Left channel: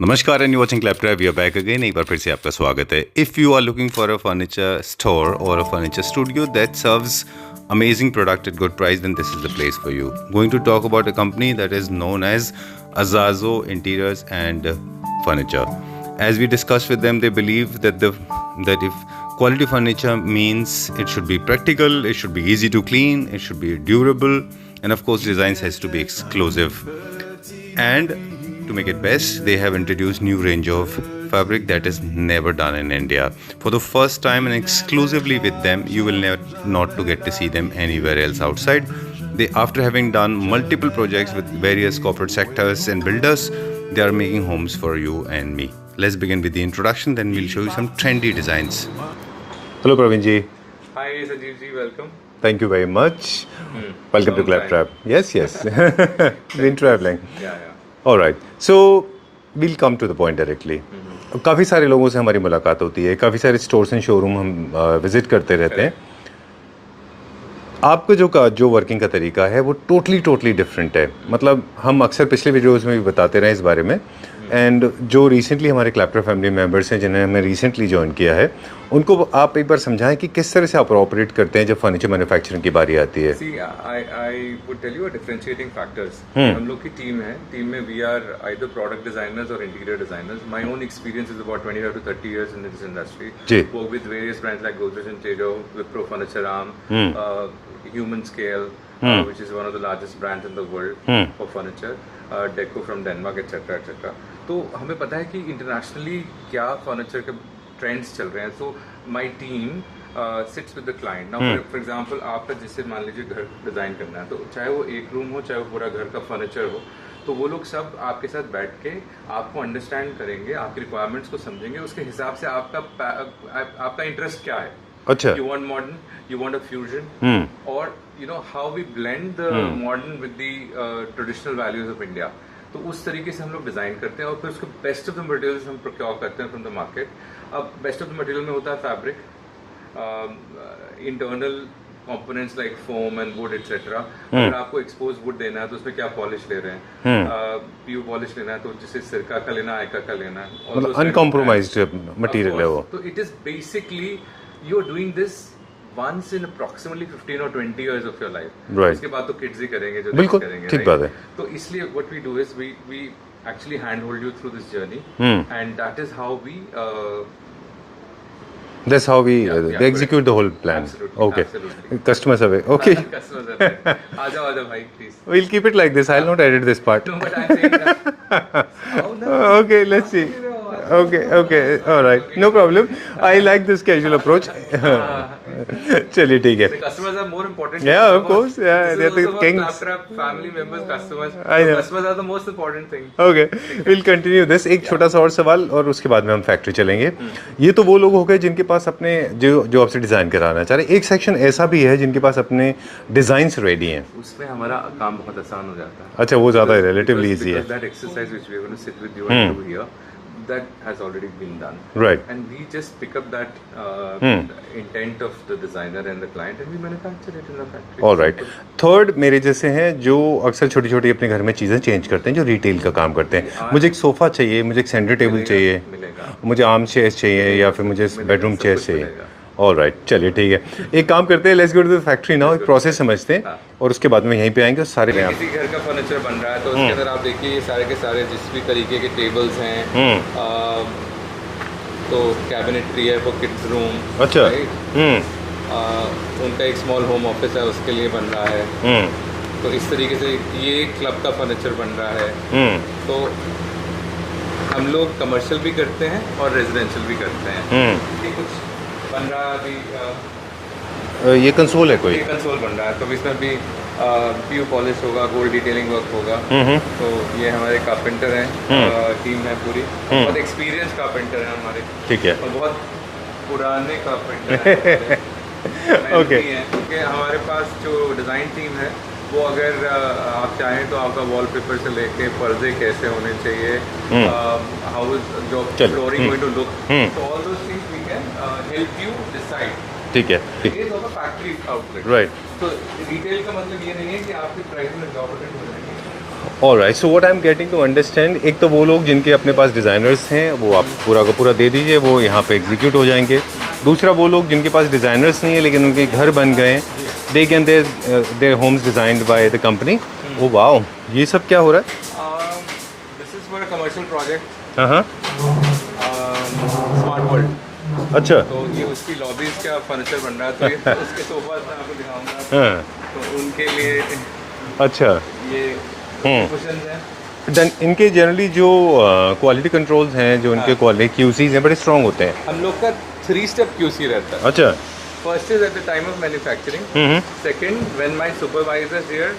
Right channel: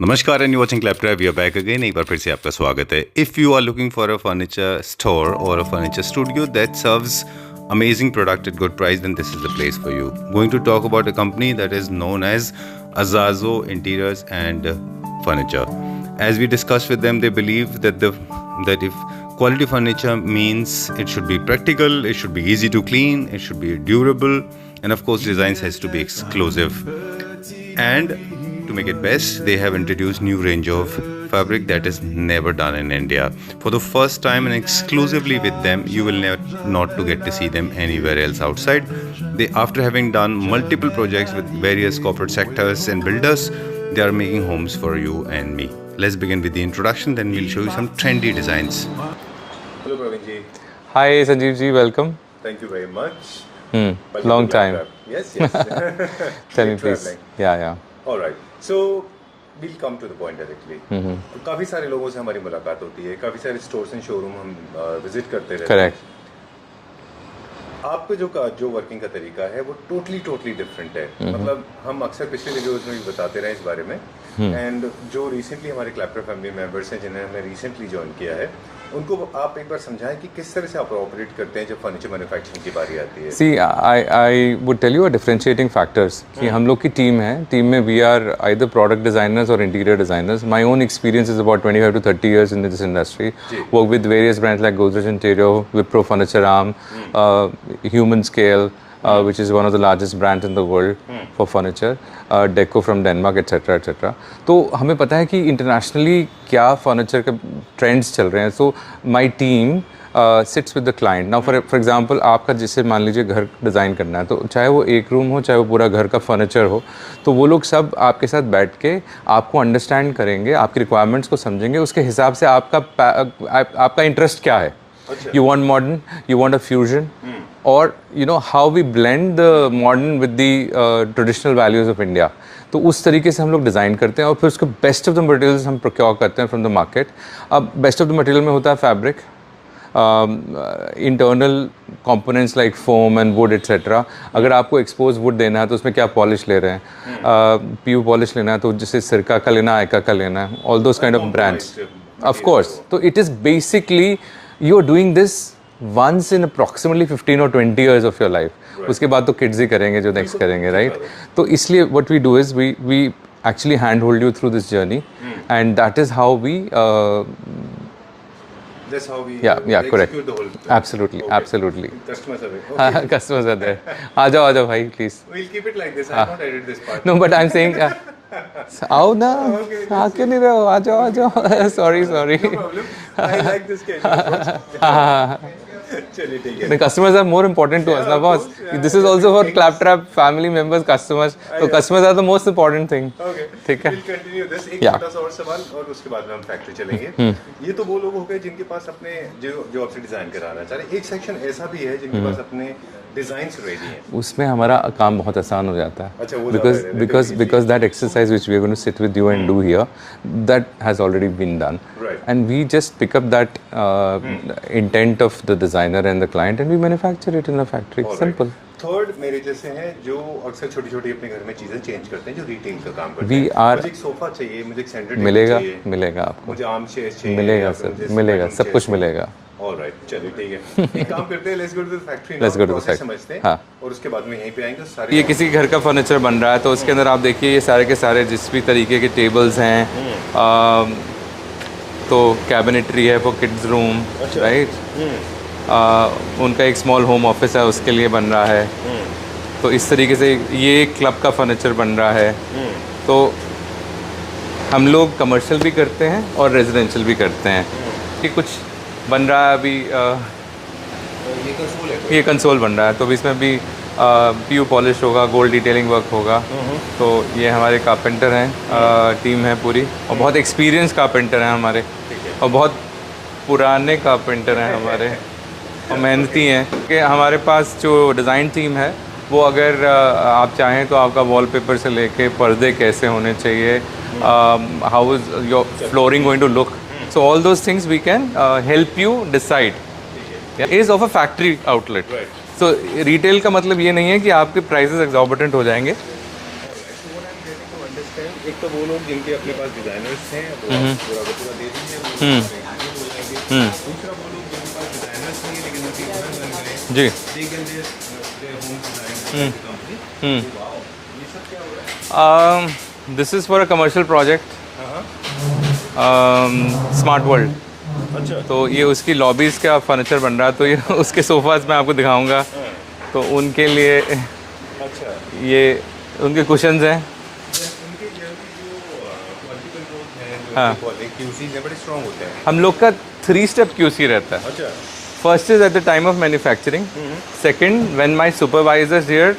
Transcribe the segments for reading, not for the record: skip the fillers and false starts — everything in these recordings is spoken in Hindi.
नमस्कार and you watching Claptrap, we are back again. एक बार फिर से आपका स्वागत है। If you are looking for a furniture store और a furniture studio that serves amazing product at good price, then this is the place for you. Going to talk about a company that is known as Azazo Interiors and Furniture. As we discussed with them, they believe that if quality furniture means it should be practical, it should be easy to clean, it should be durable, and of course designs has to be exclusive. And to make it best, they have introduced new range of fabric that is never done in India. For the first time and exclusively with them, you will not to get to see them anywhere else outside. They, after having done multiple projects with various corporate sectors and builders, they are making homes for you and me. Let's begin with the introduction, then we'll show you some trendy designs. Hello Praveen ji. Hi Sanjeev ji, welcome. Thank you very much. Welcome Long to time. Claptrap. Yes. Tell me, Been traveling. please. Yeah. All right. So we'll come to the point directly. काफ़ी सारे लोगों से हमारी मुलाकात होती है, काफ़ी सारे स्टोर्स एंड शोरूम हम विजिट करते रहते हैं। आपका जो वर्किंग का तरीका है वो टोटली डिफरेंट है। मतलब हम अक्सर पिछले वीडियोस में भी बताते रहे इस बारे में। एंड जो रिसेंटली हमारे क्लैपट्रैप फैमिली मेंबर्स हैं जिन्हें हमने रिसेंटली ज्वाइन किया है, उनको आप एक बार समझाएं कि किस तरह से आप ऑपरेट करते हैं जब फर्नीचर मैन्युफैक्चरिंग की बारी आती है। See, I would tell you a differentiating factors. हम लोग की टीम है, टीम में we are either product designers or interior designers. My own experience is about 25 to 30 years in this industry. Work with various brands like Godrej Interior, Wipro Furniture Arm, Human Scale, which is one of the largest brands in the world for furniture, Deco from Denmark, etc. तो हमें पता है कि इंटरनेशनली क्या फर्नीचर के ट्रेंड्स चल रहे हैं. So my team sits with the client. Now for example आपका जिससे मान लीजिए घर डिज़ाइन करना है, तो चाहे वो एक रूम हो, चाहे वो पूरा घर का फर्नीचर हो, तो वो लोग सब आपके साथ बैठ के आपको अंडरस्टैंड करेंगे, आपकी रिक्वायरमेंट्स को समझेंगे, उसके हिसाब से आपका इंटरेस्ट क्या है. अच्छा. You want modern, you want a fusion, or you know how we blend the modern with the traditional values of India. तो उस तरीके से हम लोग डिज़ाइन करते हैं और फिर उसको बेस्ट ऑफ द मटेरियल्स हम प्रोक्योर करते हैं फ्रॉम द मार्केट. अब बेस्ट ऑफ द मटेरियल में होता है fabric, internal components like foam and would etcetera. अगर आपको एक्सपोज वुड देना है तो उसमें क्या पॉलिश ले रहे हैं, पीयू पॉलिश लेना है तो जैसे सिरका का लेना है, आयका का लेना है, all those kind of brands. Of course. तो it is basically you are doing this once in approximately 15 or 20 years of your life. Right. उसके बाद तो किड्स ही करेंगे जो नेक्स्ट करेंगे, राइट? तो इसलिए what we do is we actually handhold you through this journey, and that is how we That's how we execute the whole plan. Absolutely. Customers away. Okay. Customers are there. आ जाओ भाई, please. We'll keep it like this. I'll not edit this part. No, but I'm saying आओ ना. Okay, let's see. नहीं रहो, आ जाओ. Okay. Sorry. No problem. I like this casual approach. चलिए ठीक है. The customers are more important to us. Of course. Yeah, this is also for Claptrap family members, customers. So customers are the most important thing. Okay. We'll continue this. एक छोटा सा और सवाल और उसके बाद में हम फैक्ट्री चलेंगे. ये तो वो लोग हो गए जिनके पास अपने जो आपसे डिजाइन कराना चाह रहे हैं. एक सेक्शन ऐसा भी है जिनके पास अपने डिजाइन्स रेडी हैं. उसमें हमारा काम बहुत आसान हो जाता है. अच्छा, वो ज्यादा रिलेटिवली इजी है. Because that exercise which we are going to sit with you and do here, that has already been done. Right. And we just pick up that intent of the designer and the client and we manufacture it in the factory. All right. Third मेरे जैसे हैं जो अक्सर छोटी छोटी अपने घर में चीजें चेंज करते हैं, जो रिटेल का काम करते हैं. मुझे एक सोफा चाहिए, मुझे एक सेंटर टेबल चाहिए, मिलेगा. मुझे आर्म चेयर्स चाहिए या फिर मुझे बेडरूम चेयर्स कुछ मिलेगा. ऑलराइट, चलिए ठीक है. एक काम करते हैं, let's go to the factory now. Process समझते हैं और उसके बाद में यहीं पे आएंगे सारे. ये किसी घर का फर्नीचर बन रहा है तो उसके अंदर आप देखिए ये सारे के सारे जिस भी तरीके के टेबल्स हैं, तो कैबिनेटरी है फॉर किड्स रूम, राइट. उनका एक स्मॉल होम ऑफिस है, उसके लिए बन रहा है. तो इस तरीके से ये क्लब का फर्नीचर बन रहा है. तो हम लोग कमर्शियल भी करते हैं और रेजिडेंशियल भी करते हैं. कि कुछ बन रहा है अभी, ये कंसोल है कोई? ये कंसोल बन रहा है, तो इसमें भी पीयू पॉलिश होगा, गोल्ड डिटेलिंग वर्क होगा. तो ये हमारे कारपेंटर हैं, टीम है पूरी, और बहुत एक्सपीरियंस कारपेंटर हैं हमारे. ठीक है. और बहुत पुराने कारपेंटर हैं हमारे. मेहनती हैं कि हमारे पास जो डिज़ाइन टीम है वो अगर आप चाहें तो आपका वॉलपेपर से लेके पर्दे कैसे होने चाहिए, how is your flooring going to look, so all those things we can help you decide. ठीक है. It is of a factory outlet. Right. So retail का मतलब ये नहीं है कि आपके प्राइसेस एग्जॉर्बिटेंट हो जाएंगे. Alright, so what I am getting to understand, एक तो वो लोग जिनके अपने पास डिजाइनर्स हैं वो आप पूरा का पूरा दे दीजिए, वो यहाँ पे एग्जीक्यूट हो जाएंगे। दूसरा वो लोग जिनके पास डिजाइनर्स नहीं है लेकिन उनके घर बन गए, जी। They can their homes designed by the company. Oh wow, ये सब क्या हो रहा है? This is for a commercial project, हाँ, स्मार्ट वर्ल्ड। अच्छा। तो ये उसकी लॉबीज का फर्नीचर बन रहा है, तो ये उसके सोफाज मैं आपको दिखाऊंगा। हाँ, तो उनके लिए अच्छा, ये उनके कुशन्स हैं। देन इनके जनरली जो क्वालिटी कंट्रोल्स हैं, जो इनके क्वालिटी क्यूसीज हैं, बड़े स्ट्रांग होते हैं। हम लोग का 3 स्टेप क्यूसी रहता है। अच्छा। First is at the time of manufacturing, second when my supervisors here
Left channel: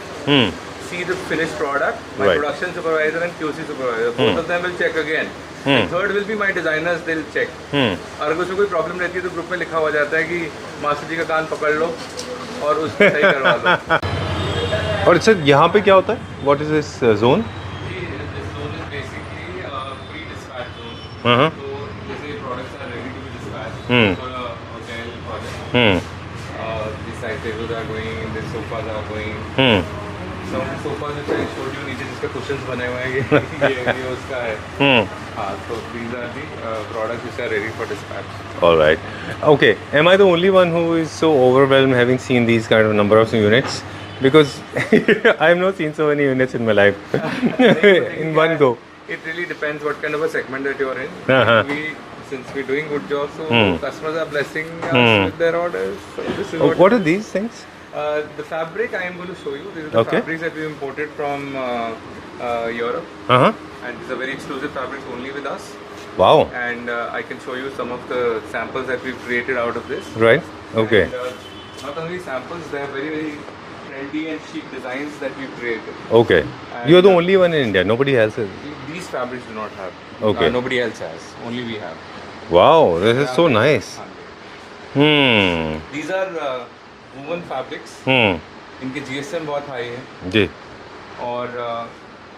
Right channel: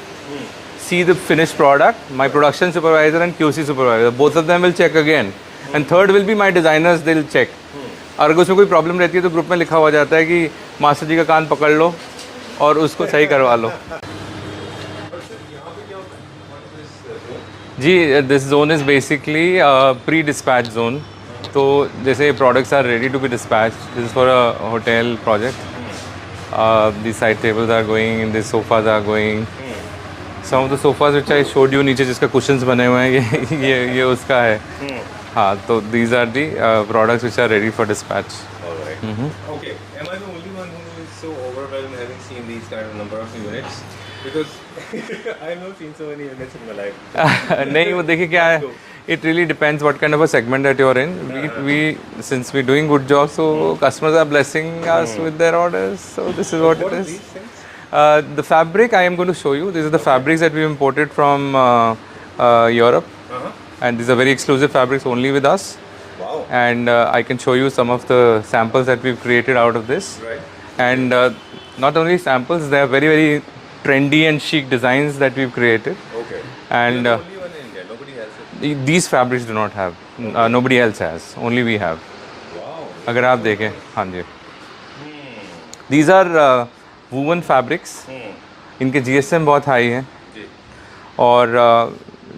see the finished product, my Right. production supervisor and QC supervisor, both of them will check again. And third will be my designers, they'll check. और अगर उसमें कोई प्रॉब्लम रहती है तो ग्रुप में लिखा हुआ जाता है कि मास्टर जी का कान पकड़ लो और उसको सही करवा लो। और सर यहाँ पे क्या होता है? What is this zone? जी, this zone is basically pre dispatch zone. तो जैसे products are ready to be dispatch for a hotel project, the side tables are going, the sofas are going, some of the sofas which I showed you नीचे जिसका कुशन्स बने हुए हैं, ये उसका है। हाँ, तो these are the products which are ready for dispatch. Alright. Okay. Am I the only one who is so overwhelmed having seen these kind of number of units? Because I have not seen so many units in my life. नहीं, वो देखिए क्या One है, go. it really depends what kind of a segment that you're in. We since we're doing good job, so customers are blessing us with their orders. So this is what What it are is. these things? The fabric I am going to show you. These are the Okay. fabrics that we imported from Europe, Uh-huh. and these are very exclusive fabrics only with us. Wow. And I can show you some of the samples that we've created out of this. Right. Okay. And not only samples, they are very very trendy and chic designs that we've created. Okay. And, You're the only one in India. Nobody else is. These fabrics do not have. Okay. Nobody else has. Only we have. Wow. This अगर is आप so देखें, nice. हाँ जी। Hmm. These are woven fabrics. इनके GSM बहुत हाई है, जी. और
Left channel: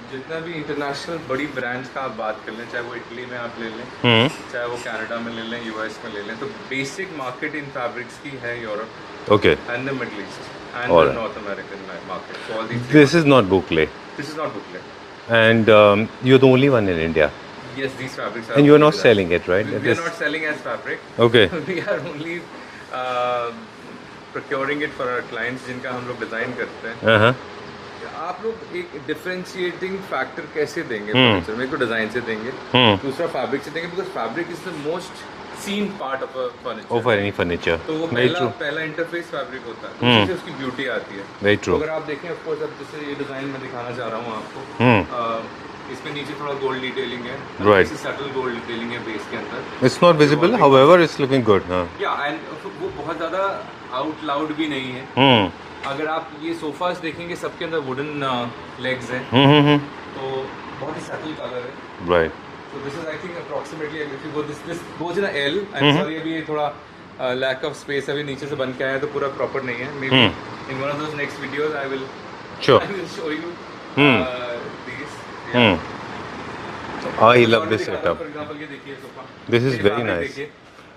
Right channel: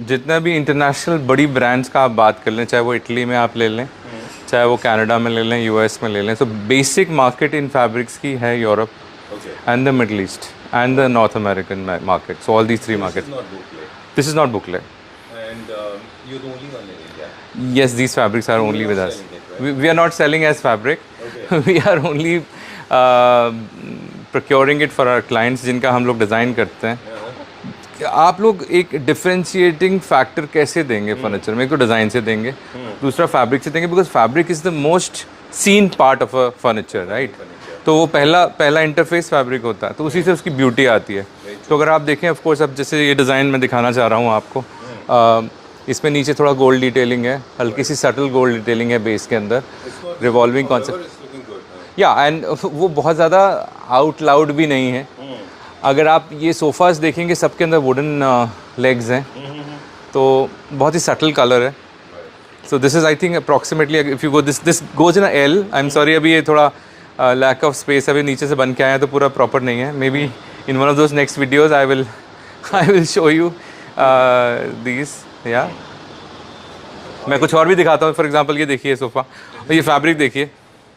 जितना भी इंटरनेशनल बड़ी ब्रांड्स का आप बात कर लें, चाहे वो इटली में आप ले लें, चाहे वो कनाडा में ले लें, यूएस में ले लें, so basic market in fabrics की है Europe Okay. And the middle east and the north American market. So all these 3 This is not boucle. This is not booklet. And you're the only one in India. Yes, these fabrics are And only you're not with us. selling it, right? We are not selling as fabric. Okay. We are only procuring it for our clients जिनका हम लोग डिज़ाइन करते हैं. Uh-huh. आप लोग एक डिफरेंशिएटिंग फैक्टर कैसे देंगे फर्नीचर में? एक तो डिज़ाइन से देंगे, दूसरा फैब्रिक से देंगे, because fabric is the most seen part of a furniture, Of any furniture. तो वो पहला इंटरफेस फैब्रिक होता है, तो उसी से उसकी ब्यूटी आती है. Very तो true. अगर आप देखें, ऑफ कोर्स, अब जैसे ये डिज़ाइन मैं दिखाना चाह रहा हूँ आपको, इसमें नीचे थोड़ा गोल्ड डिटेलिंग है, हल्की सी सटल गोल्ड डिटेलिंग है बेस के अंदर. It's not visible, Revolving however, it's looking good. Huh? या एंड वो बहुत ज़्यादा आउट लाउड भी नहीं है. अगर आप ये सोफास देखेंगे, सबके अंदर वुडन लेग्स हैं, तो बहुत ही सटल कलर है. Right. So this is, I think, approximately, if you go, this goes in a L. I'm sorry, अभी ये थोड़ा lack of space, अभी नीचे से बन के आया है तो पूरा proper नहीं है. Maybe in one of those next videos I will show you these. Yeah. मैं कुछ और भी दिखाता हूँ. For example, ये देखिए सोफा, This is ये very फैब्रिक nice. देखिए.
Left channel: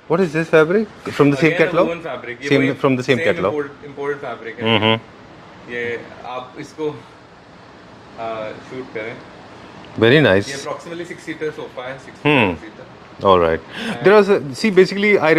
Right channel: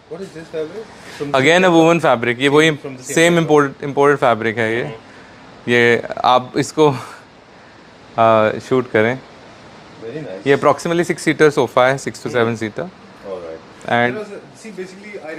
What is this fabric? From the Again same a catalog? woven fabric. ये Same- वही from the same same catalog. imported fabric है ये. ये आप इसको शूट करें. Very nice. ये approximately 6 seater सोफा है, 6 to 7 seater. All right. There was basically, I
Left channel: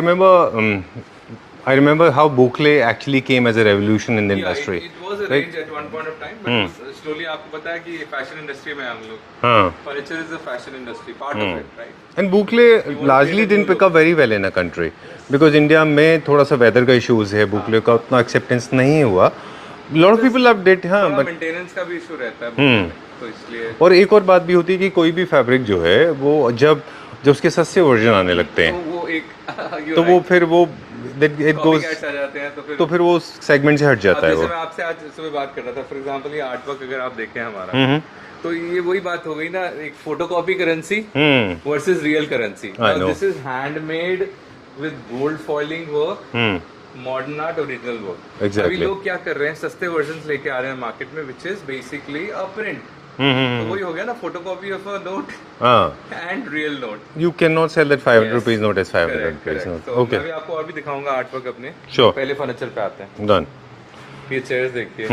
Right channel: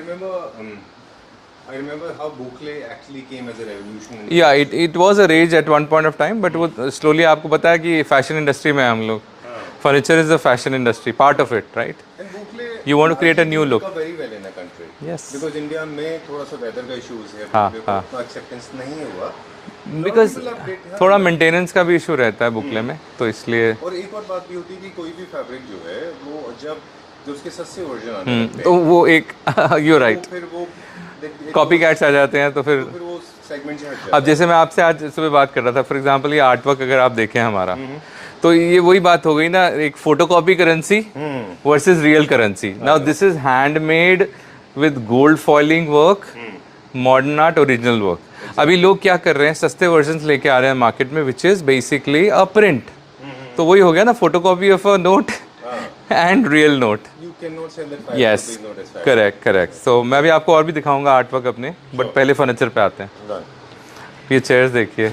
remember how boucle actually came as a revolution in the Yeah, industry. it was a rage at one point of time, but वो slowly आपको पता है कि फैशन इंडस्ट्री में हम लोग. हाँ. Furniture is a fashion industry, part of it, right? And boucle You want to create a largely new didn't look. pick up very well in a country. Yes. Because India में थोड़ा सा weather का issues है, boucle का उतना acceptance नहीं हुआ. lot of people loved it. हाँ, थोड़ा but- मेंटेनेंस का भी इशू रहता है बुकले में, तो इसलिए और एक और बात भी होती है कि कोई भी फैब्रिक जो है वो जब उसके सस्ते वर्जन आने लगते तो हैं, वो एक यू तो वो राइट, फिर वो कॉपी कैट्स आ जाते हैं, तो तो फिर फिर वो सेगमेंट से हट जाता अब है. जैसे मैं आपसे आज सुबह बात कर रहा था, फॉर एग्जांपल ये आर्ट वर्क अगर आप देखें हमारा, तो ये वही बात हो गई ना, एक photocopy currency versus real currency. Now this is handmade with gold foiling work, modern art, original work. Exactly. अभी लोग क्या कर रहे हैं, सस्ते वर्जन्स लेके आ रहे हैं मार्केट में, which is basically a print. तो वही हो गया ना, photocopy of a note and real note. You cannot sell that 5 rupees note as 5 correct correct. So मैं भी आपको और भी दिखाऊंगा आर्ट वर्क अपने. Sure. पहले फर्नीचर पे आते हैं. Done. ये चेयर्स देखिए,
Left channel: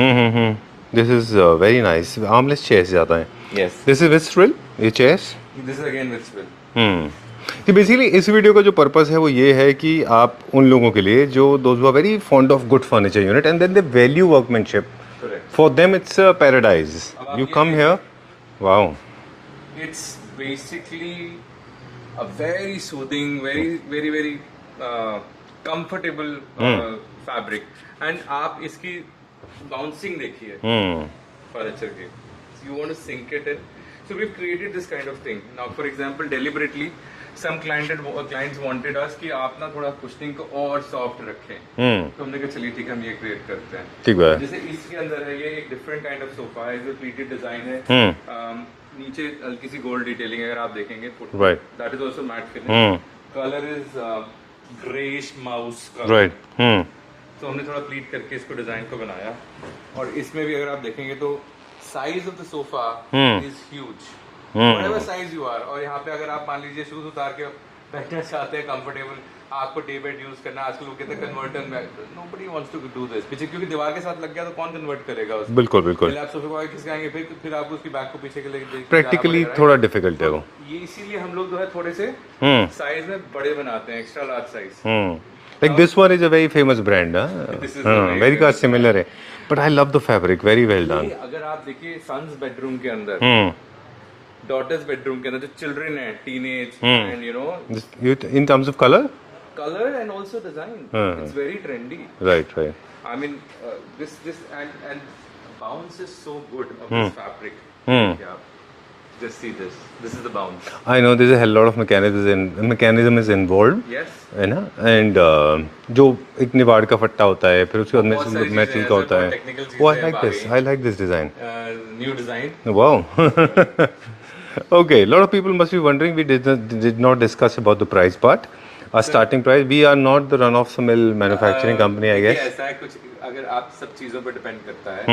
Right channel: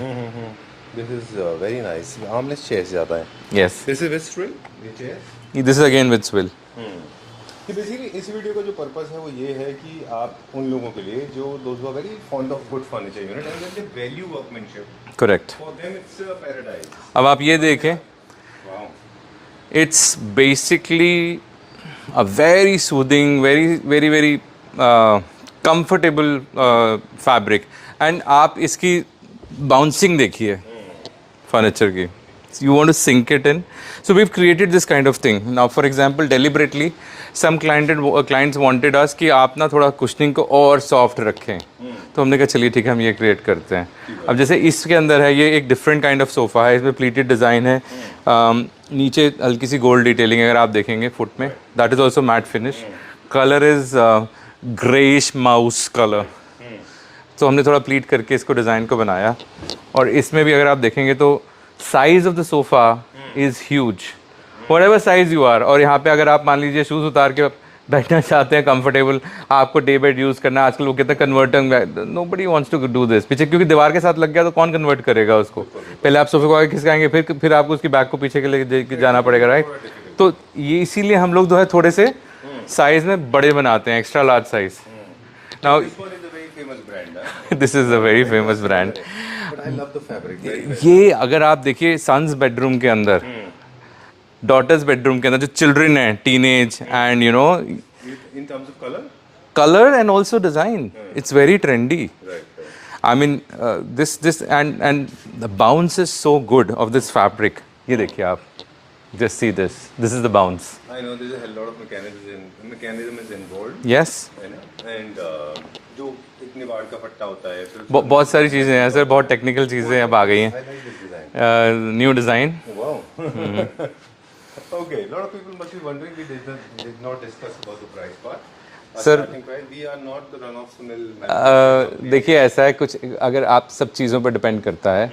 This is very nice. Armless chairs ज़्यादा हैं. Yes. This is with swivel. ये chairs. This is again with swivel. कि बेसिकली इस वीडियो का जो पर्पस है वो ये है कि आप उन लोगों के लिए जो those who are very fond of good furniture unit and then they value workmanship. Correct. For them it's a paradise. अब आप ये देखें. Wow. It's basically a very soothing, very comfortable fabric. And आप इसकी bouncing देखिए furniture की. So you want to sink it in. So we've created this kind of thing. Now, for example, deliberately, some clients wanted us कि आप ना थोड़ा cushioning को और soft रखें. तो हमने कहा चलिए ठीक है हम ये create करते हैं. अब जैसे इसके अंदर है ये एक different kind of sofa है. इसमें pleated design है. नीचे हल्की सी gold detailing अगर आप देखेंगे foot में. That is also matte finish. Color is grayish mouse color. तो हमने थोड़ा प्लीट करके इसको डिज़ाइन को बनाया. और इसमें भी अगर आप देखेंगे तो size of the sofa is huge, whatever size you are. और यहाँ पे अगर आप मान लीजिए शूज उतार के बैठना चाहते हैं कंफर्टेबल, आपको डे बेड यूज करना है. आजकल वो कहते हैं converter, nobody wants to do this. पीछे क्योंकि दीवार के साथ लग गया तो कौन कन्वर्ट करेगा उसको. बिल्कुल बिल्कुल. पहले आप सोफे को आगे खिसकाएंगे, फिर आपको उसकी बैक को पीछे के लिए जाना पड़ेगा, राइट. थोड़ा डिफिकल्ट तो ये इसीलिए हम लोग जो है थोड़े से साइज में बड़े बनाते हैं, extra large size. Like this one is a very famous brand, huh? This is a very famous brand. But I love the fabric, very well ये अगर आप देखिए सन्स बेडरूम के अंदर, डॉटर्स बेडरूम के अंदर जो चिल्ड्रन है, teenage and you know, in terms of color and also design, it's very trendy. Right. I mean this and the bounce is so good of this fabric. ये देखिए आप, just see this. This is the bounce. I know there's a hell lot of mechanism is involved. Yes. है ना. And जो एक निवाड़ का फट्टा होता है, फिर उसके बहुत सारी चीजें हैं सर, बहुत टेक्निकल चीजें अब आ गई हैं. I like this design. New design. Wow. Okay, a lot of people must be wondering, we did not discuss about the price part. Starting price, we are not the run of the mill manufacturing company. देखिए ऐसा है कुछ, अगर आप सब चीज़ों पर डिपेंड करता है.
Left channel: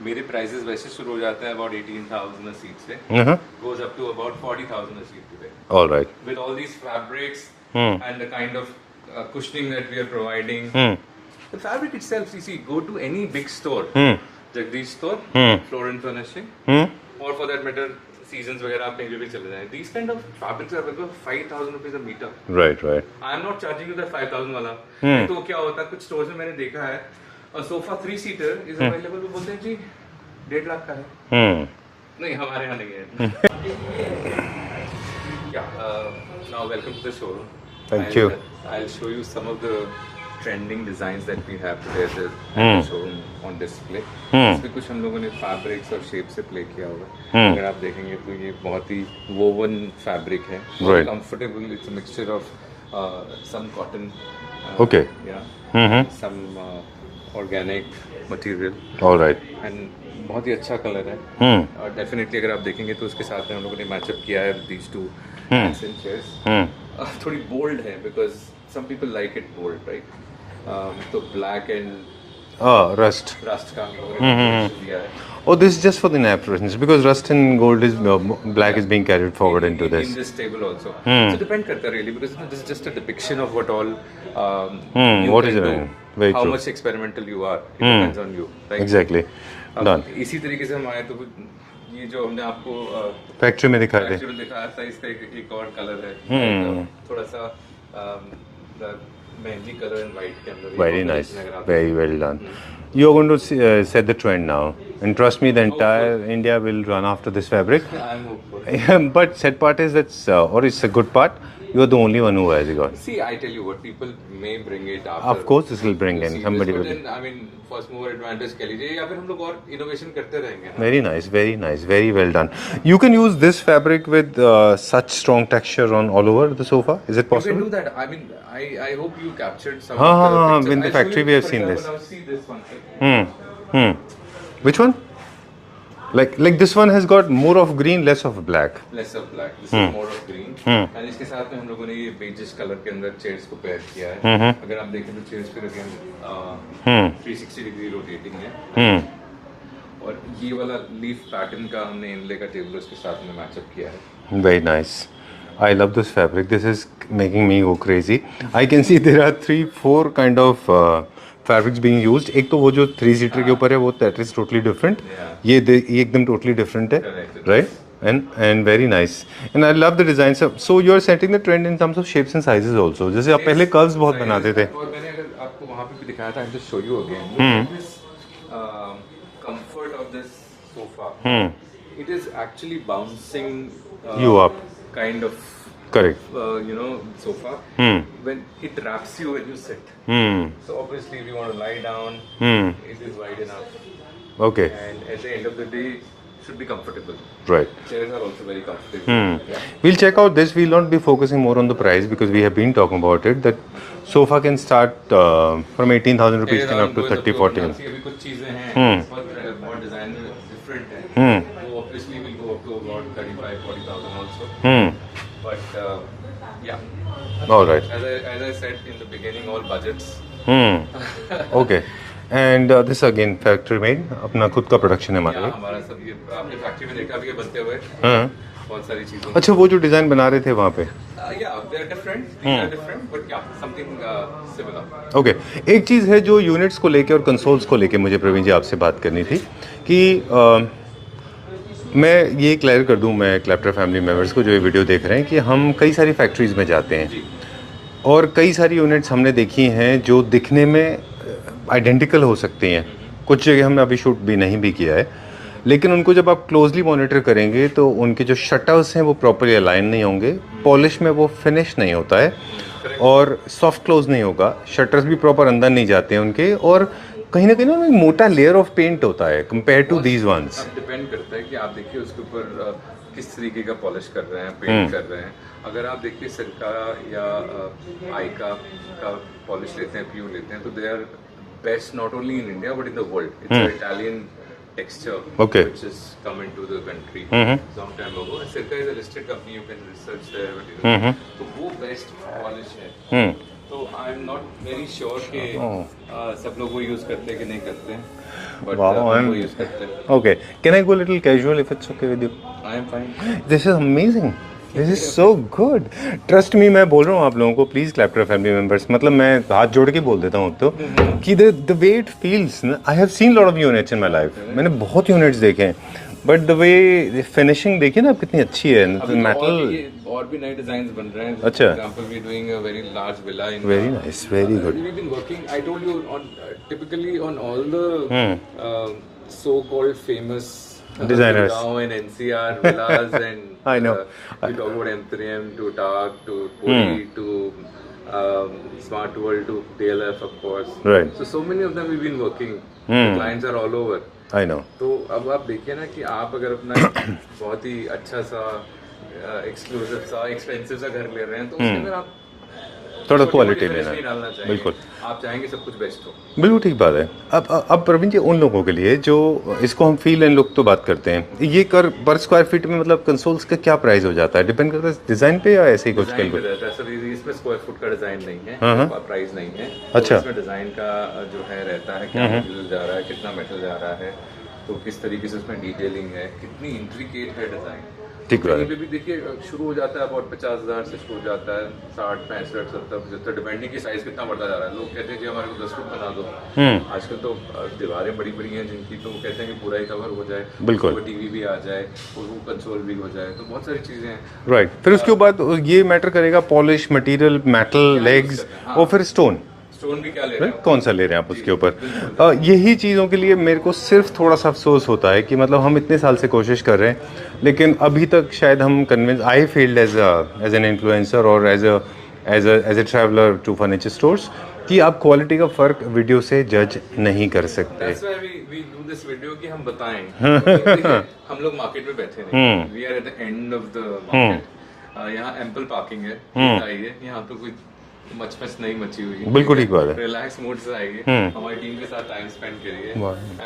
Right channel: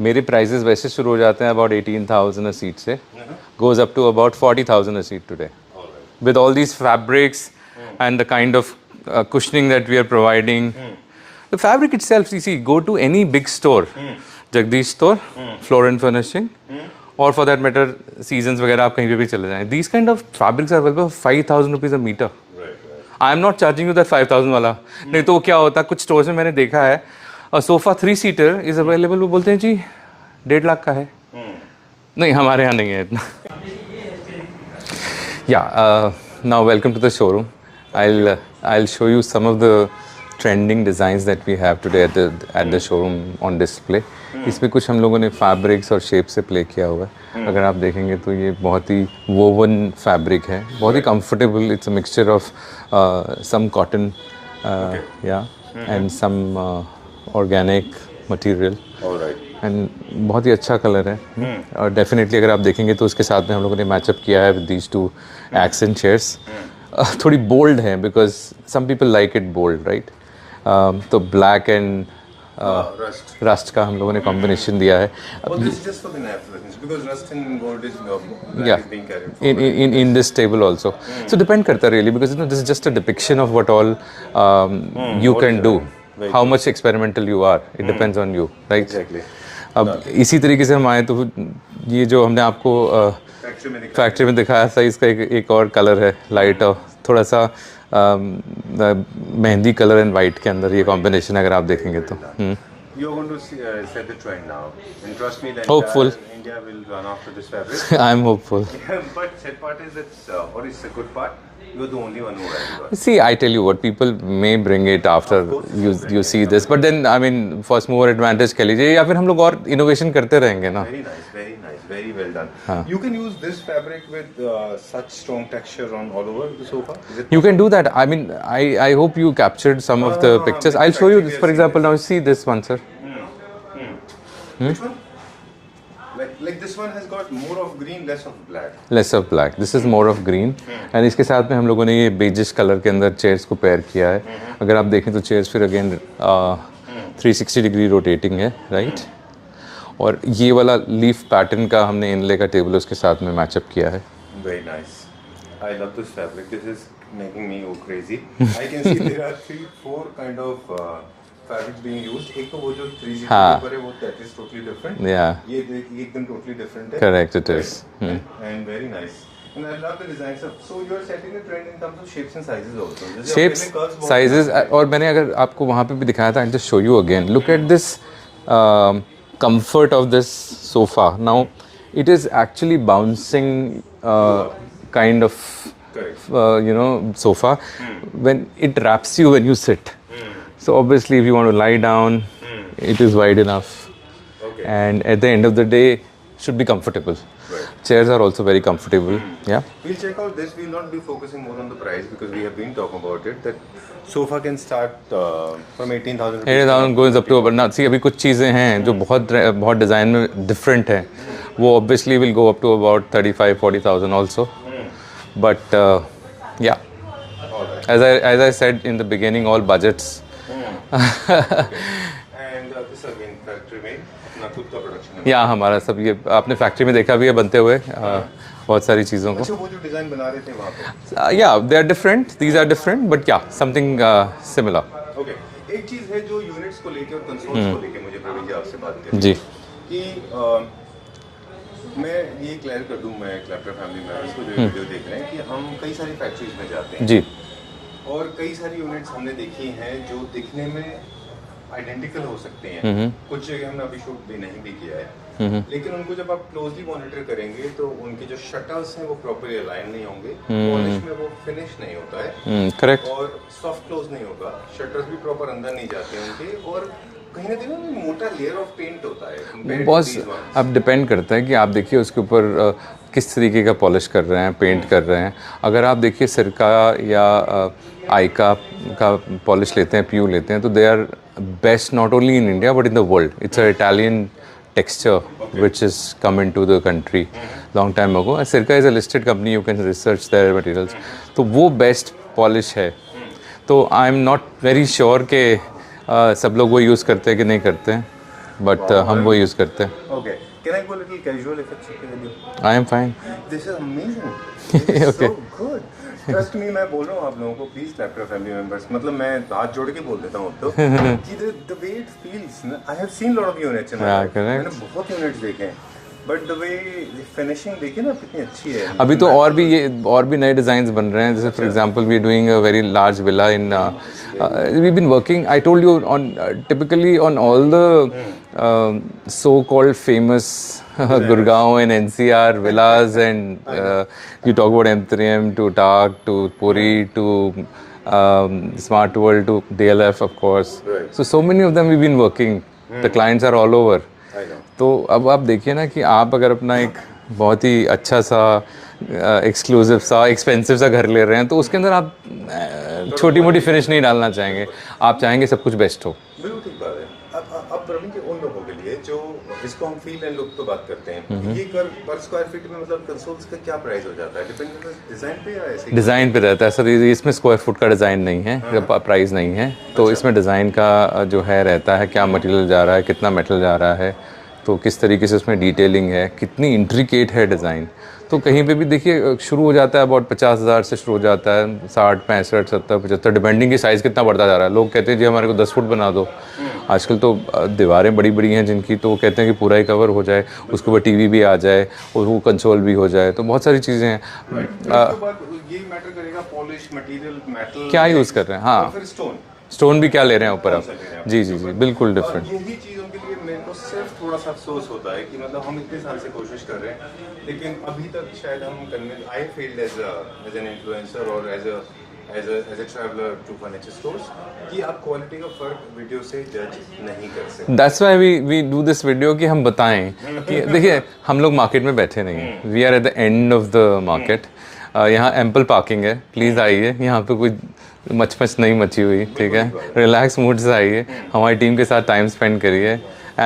मेरे प्राइसेस वैसे शुरू हो जाते हैं अबाउट 18,000 a seat से, goes up to about 40,000 a seat today. All right. With all these fabrics and the kind of cushioning that we are providing. The fabric itself, you see, go to any big store, Jagdish store, Floor and Furnishing, or for that matter, Seasons वगैरह आप कहीं पे भी चले जाएं. These kind of fabrics are available for 5,000 rupees a meter. Right. I am not charging you that 5,000 वाला. नहीं तो क्या होता है, कुछ स्टोर्स में मैंने देखा है, सोफा 3-seater इज अवेलेबल, वो बोलते हैं जी 1.5 लाख का है. नहीं, हमारे यहाँ नहीं है इतना. Now welcome to the showroom. I'll show you some of the trending designs that we have today at the showroom on display. इसमें कुछ हम लोगों ने फैब्रिक्स और शेप से प्ले किया हुआ है. अगर आप देखेंगे तो ये बहुत ही वोवन फैब्रिक है, बहुत ही comfortable. It's a mixture of some cotton and some organic material. All right. And बहुत ही अच्छा कलर है. और डेफिनेटली अगर आप देखेंगे तो उसके साथ में हम लोगों ने मैचअप किया है with these two accent chairs. थोड़ी बोल्ड है because some people like it bold, right? तो black and rust का हम लोगों ने combination दिया है. Oh, this is just for the nap reasons because rust and gold is black is being carried forward in this table also. So depend करता है really because this is just a depiction of what all you can do. How much experimental you are, it depends on you, right? Exactly. अब इसी तरीके से हम आए तो ये जो हमने आपको फैक्ट्री में दिखाया था, इसका एक और कलर है लाइट और थोड़ा सा मेहंदी कलर एंड वाइट के अंदर ये कॉम्बिनेशन अगर आप देखेंगे तो. You are going to set the trend now, and trust me, the entire India will run after this fabric. I'm hopeful. But sad part is that's, or it's a good part. You are the only one who has got. See, I tell you what, people may bring it after. Of course, you see this, but then I mean, first mover advantage कह लीजिए, या फिर हम लोग और innovation करते रहेंगे ना. Very nice, very well done. You can use this fabric with such strong texture on all over the sofa. Is it possible? You can do that. I mean, I hope you captured some of the pictures. I'll show you, for example, now see this one, sir. Which one? Like this one has got more of green, less of black. Less of black. This is more of green. And इसके साथ में हम लोगों ने ये बेजिश कलर के अंदर चेयर्स को पेयर किया है. अगर आप देखें तो चेयर्स फिर अगेन 360 डिग्री रोटेटिंग है, राइट. और ये वाला लीफ पैटर्न का हमने इनले का टेबल उसके साथ में मैचअप किया है. Very nice. I love this fabric. This is making me go crazy. I can see there are 3-4 kind of fabrics being used, एक तो वो जो 3 सीटर के ऊपर है वो दैट इज टोटली डिफरेंट, ये ये एकदम टोटली डिफरेंट है, Correct, it right, is. And very nice, and I love the design. So you are setting the trend in terms of shapes and sizes also, जैसे आप पहले कर्व्स बहुत बनाते थे, और मैंने अगर आपको वहाँ पे भी दिखाया था, just show you again, look at this comfort of this sofa. Now it is actually bouncing You up. kind of correct, sofa when it wraps you when you sit. So obviously if you want to lie down, it is wide enough, okay, and at the end of the day should be comfortable. Right. Chairs are also very comfortable. Yeah. We'll check out this. We'll not be focusing more on the price because we have been talking about it. That sofa can start from 18,000 rupees. 8,000 goes up to 30,000. now see अभी कुछ चीज़ें हैं जो बहुत डिज़ाइन में डिफरेंट है, वो obviously will go up to about 35,000-40,000 also. But yeah, All right. as I said in the beginning, all budgets. Okay. And this again factory made, अपना खुद का प्रोडक्शन है या हमारा। हमारा सब ये आपने फैक्ट्री में देखा भी है बनते हुए बहुत सारी चीज़ों को। अच्छा, वो जो डिजाइन बना रहे थे वहाँ पे, Yeah, they are different. These are different, but yeah, something similar. Okay. एक चीज़ है जो यूनिट्स को लेके और कंसोल्स को लेके मुझे प्रवीण जी आपसे बात करनी जी। थी कि मैं ये क्लियर कर दूं, मैं क्लैप्टर फैमिली मेंबर्स को जो ये वीडियो देख रहे हैं, कि हम कई सारी फैक्ट्रीज में जाते हैं जी। और कई सारी यूनिट्स हमने देखी हैं जो दिखने में आइडेंटिकल हो सकती हैं, कुछ जगह हमने अभी शूट भी नहीं भी किया है, लेकिन उनको जब आप क्लोजली मॉनिटर करेंगे तो उनके जो शटर्स हैं वो प्रॉपर्ली अलाइन नहीं होंगे, पॉलिश में वो फिनिश नहीं होता है, करेक्ट। और सॉफ्ट क्लोज नहीं होगा, शटर्स भी प्रॉपर अंदर नहीं जाते हैं उनके, और कहीं ना एक मोटा लेयर ऑफ पेंट होता है कंपेयर टू दीज वंस। अब डिपेंड करता है कि आप देखिए उसके ऊपर किस तरीके का पॉलिश कर रहे हैं, पेंट कर रहे हैं। अगर आप देखिए सिरका या आइका का पॉलिश लेते हैं, प्यू लेते हैं, तो they are best not only in India but in the world. It's a Italian texture which has come into the country long time ago. Sirca is a listed company, you can research their materials. तो वो बेस्ट पॉलिश है। तो I am not very sure कि सब लोग वो यूज़ करते हैं कि नहीं करते हैं, बट हम वो यूज़ करते हैं। Okay, can I go a little casual if it's okay with you? I am fine. This is amazing. This is so good. Trust me, मैं बोल रहा हूँ आप लोगों को, प्लीज क्लैप्टर फैमिली मेंबर्स, मतलब मैं हाथ जोड़ के बोल देता हूँ तो कि the way it feels, I have seen lot of units in my life. मैंने बहुत यूनिट्स देखे हैं, बट द वे फिनिशिंग देखिए ना कितनी अच्छी है। अभी तो और भी नए डिजाइन्स बन रहे हैं, जैसे for example we are doing a very large villa in we been working, I told you, on typically on all the so called famous Gurgaon and NCR villas and you talk about M3M to TAG to Puri to Smart World to DLF of course. Right. So many of them we've been working. The clients are all over. I know. तो अब आप देखिए ना कि आप अगर अपना एक बहुत ही अच्छा सा एक्सक्लूसिव सा एक्सपेंसिव सा घर ले रहे हैं, तो उसके अंदर आप छोटी मोटी फिनिश नहीं डालना चाहेंगे, आप चाहेंगे सब कुछ बेस्ट हो। बिल्कुल ठीक बात है। अब प्रवीण जी, उन लोगों के लिए जो इसको हम फील एंड लुक तो बात करते हैं, ये कर पर स्क्वायर फीट में मतलब कंसोल्स का क्या प्राइस हो जाता है? डिपेंड करता है डिजाइन पे या ऐसे ही? डिजाइन पे रहता है सर, इसमें स्क्वायर फुट का डिजाइन नहीं है, प्राइस नहीं है, तो इसमें डिजाइन का जो है रहता है, क्या मटेरियल जा रहा है, कितना मेटल जा रहा है, तो किस तरीके से उसमें डिटेलिंग है, कितनी इंट्रिकेट है डिज़ाइन। तो कहीं पे भी देखिए शुरू हो जाता है अबाउट 50,000 से शुरू हो जाता है, 60, 65, 70, 75, डिपेंडिंग की साइज़ कितना बढ़ता जा रहा है। लोग कहते हैं जी हमारे को 10 फुट बना दो। आजकल तो दीवारें बड़ी बड़ी हैं जिनकी, तो वो कहते हैं कि पूरा ही कवर हो जाए, उसके ऊपर टीवी भी आ जाए और वो कंसोल भी हो जाए, तो बहुत सारी चीज़ें हैं। राइट। फिर उसके बाद ये मैटर करेगा पॉलिश मटेरियल, मेटल क्या यूज़ कर रहे हैं, और फिर स्टोन भी क्या ले रहे हैं ऊपर, कौन सा ले रहे हैं आप उसके ऊपर? बिल्कुल। यही चीज़ों के लिए मेरे को सिर्फ थोड़ा सा अफसोस होता है कि मतलब हम इतने साल से कोशिश कर रहे हैं, लेकिन अभी तक शायद हम convince, I felt as an influencer और as a traveller to furniture stores, कि आप क्वालिटी का फर्क वीडियो से जज नहीं कर सकते। That's why we do this video कि हम बताएं। देखिए हम लोग मार्केट में बैठे नहीं, we are at the end of the market। यहाँ एम्पल पार्किंग है, प्लीज आइए, यहाँ पे कोई मच नहीं मची हुई, बिल्कुल ठीक बात है। रिलैक्स मूड से आइए, हमारी टीम के साथ टाइम स्पेंड करिए,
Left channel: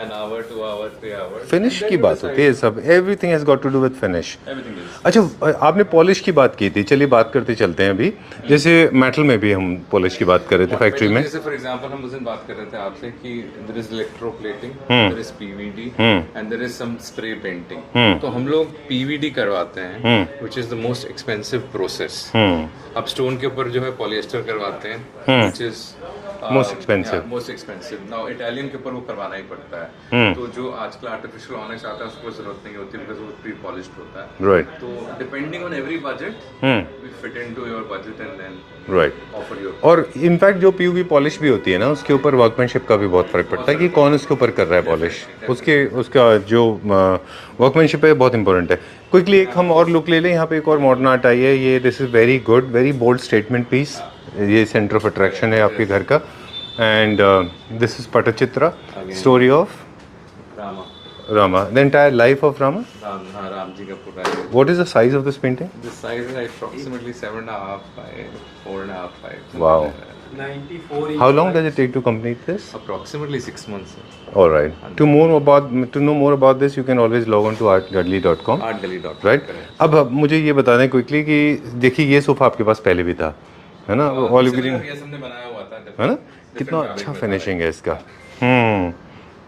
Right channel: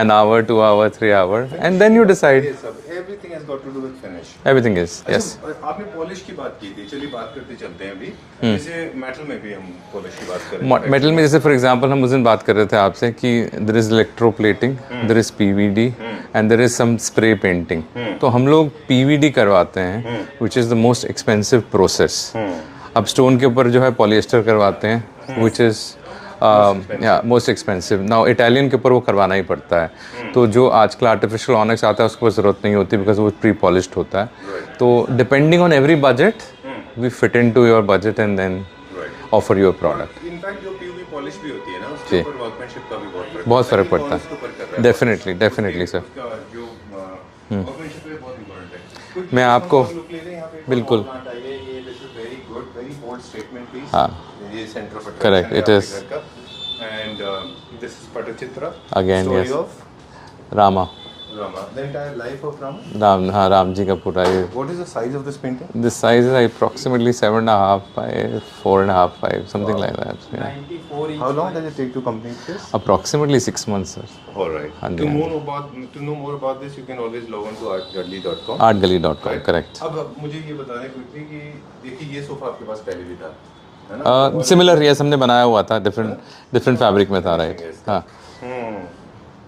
an hour, 2 hour, 3 hour, and then you decide। ये सब everything has got to do with finish। Everything is। अच्छा, आपने पॉलिश की बात की थी, चलिए बात करते चलते हैं अभी। जैसे मेटल में भी हम पॉलिश की बात कर रहे थे, मेटल में जैसे फॉर एग्जांपल हम उस दिन बात कर रहे थे आपसे कि there is electroplating, there is PVD and there is some spray painting। तो हम लोग PVD करवाते हैं, which is the most expensive process। अब स्टोन के ऊपर जो है पॉलिएस्टर करवाते हैं, which is most expensive now Italian के ऊपर वो करवाना ही पड़ता है। तो जो आजकल आर्टिफिशियल ऑनिक्स आता है उसके ऊपर जरूरत नहीं होती बिकॉज वो प्री पॉलिश्ड होता है। राइट। तो depending on every budget we fit into your budget and then offer your. और इनफैक्ट जो पीयूवी पॉलिश भी होती है ना उसके ऊपर वर्कमैनशिप का भी बहुत फर्क पड़ता है कि कौन उसके ऊपर कर रहा है। डेफिनेटली उसका जो वर्कमैनशिप है बहुत इंपॉर्टेंट है। क्विकली हम और लुक ले लें। यहाँ पे एक और मॉडर्न आर्ट आई है। ये this is very good, very bold statement piece. ये सेंटर ऑफ अट्रैक्शन है आपके घर का। And this is Patachitra, story of Rama, the entire life of Rama. Ram ji का पूरा ये। What is the size of this painting? The size is approximately 7.5 by 4.5, 5, something like that. Yeah. 94 How long does it take to complete this? Approximately 6 months, sir. All right. To know more about this, you can always log on to artgallery.com. Artgallery.com, Right? correct. अब मुझे ये बताना है क्विकली कि देखिए ये सोफा आपके पास पहले भी था, है ना? सिमिलर यस हमने बनाया हुआ था, डिफरेंट फैब्रिक में था। फिनिशिंग है इसका।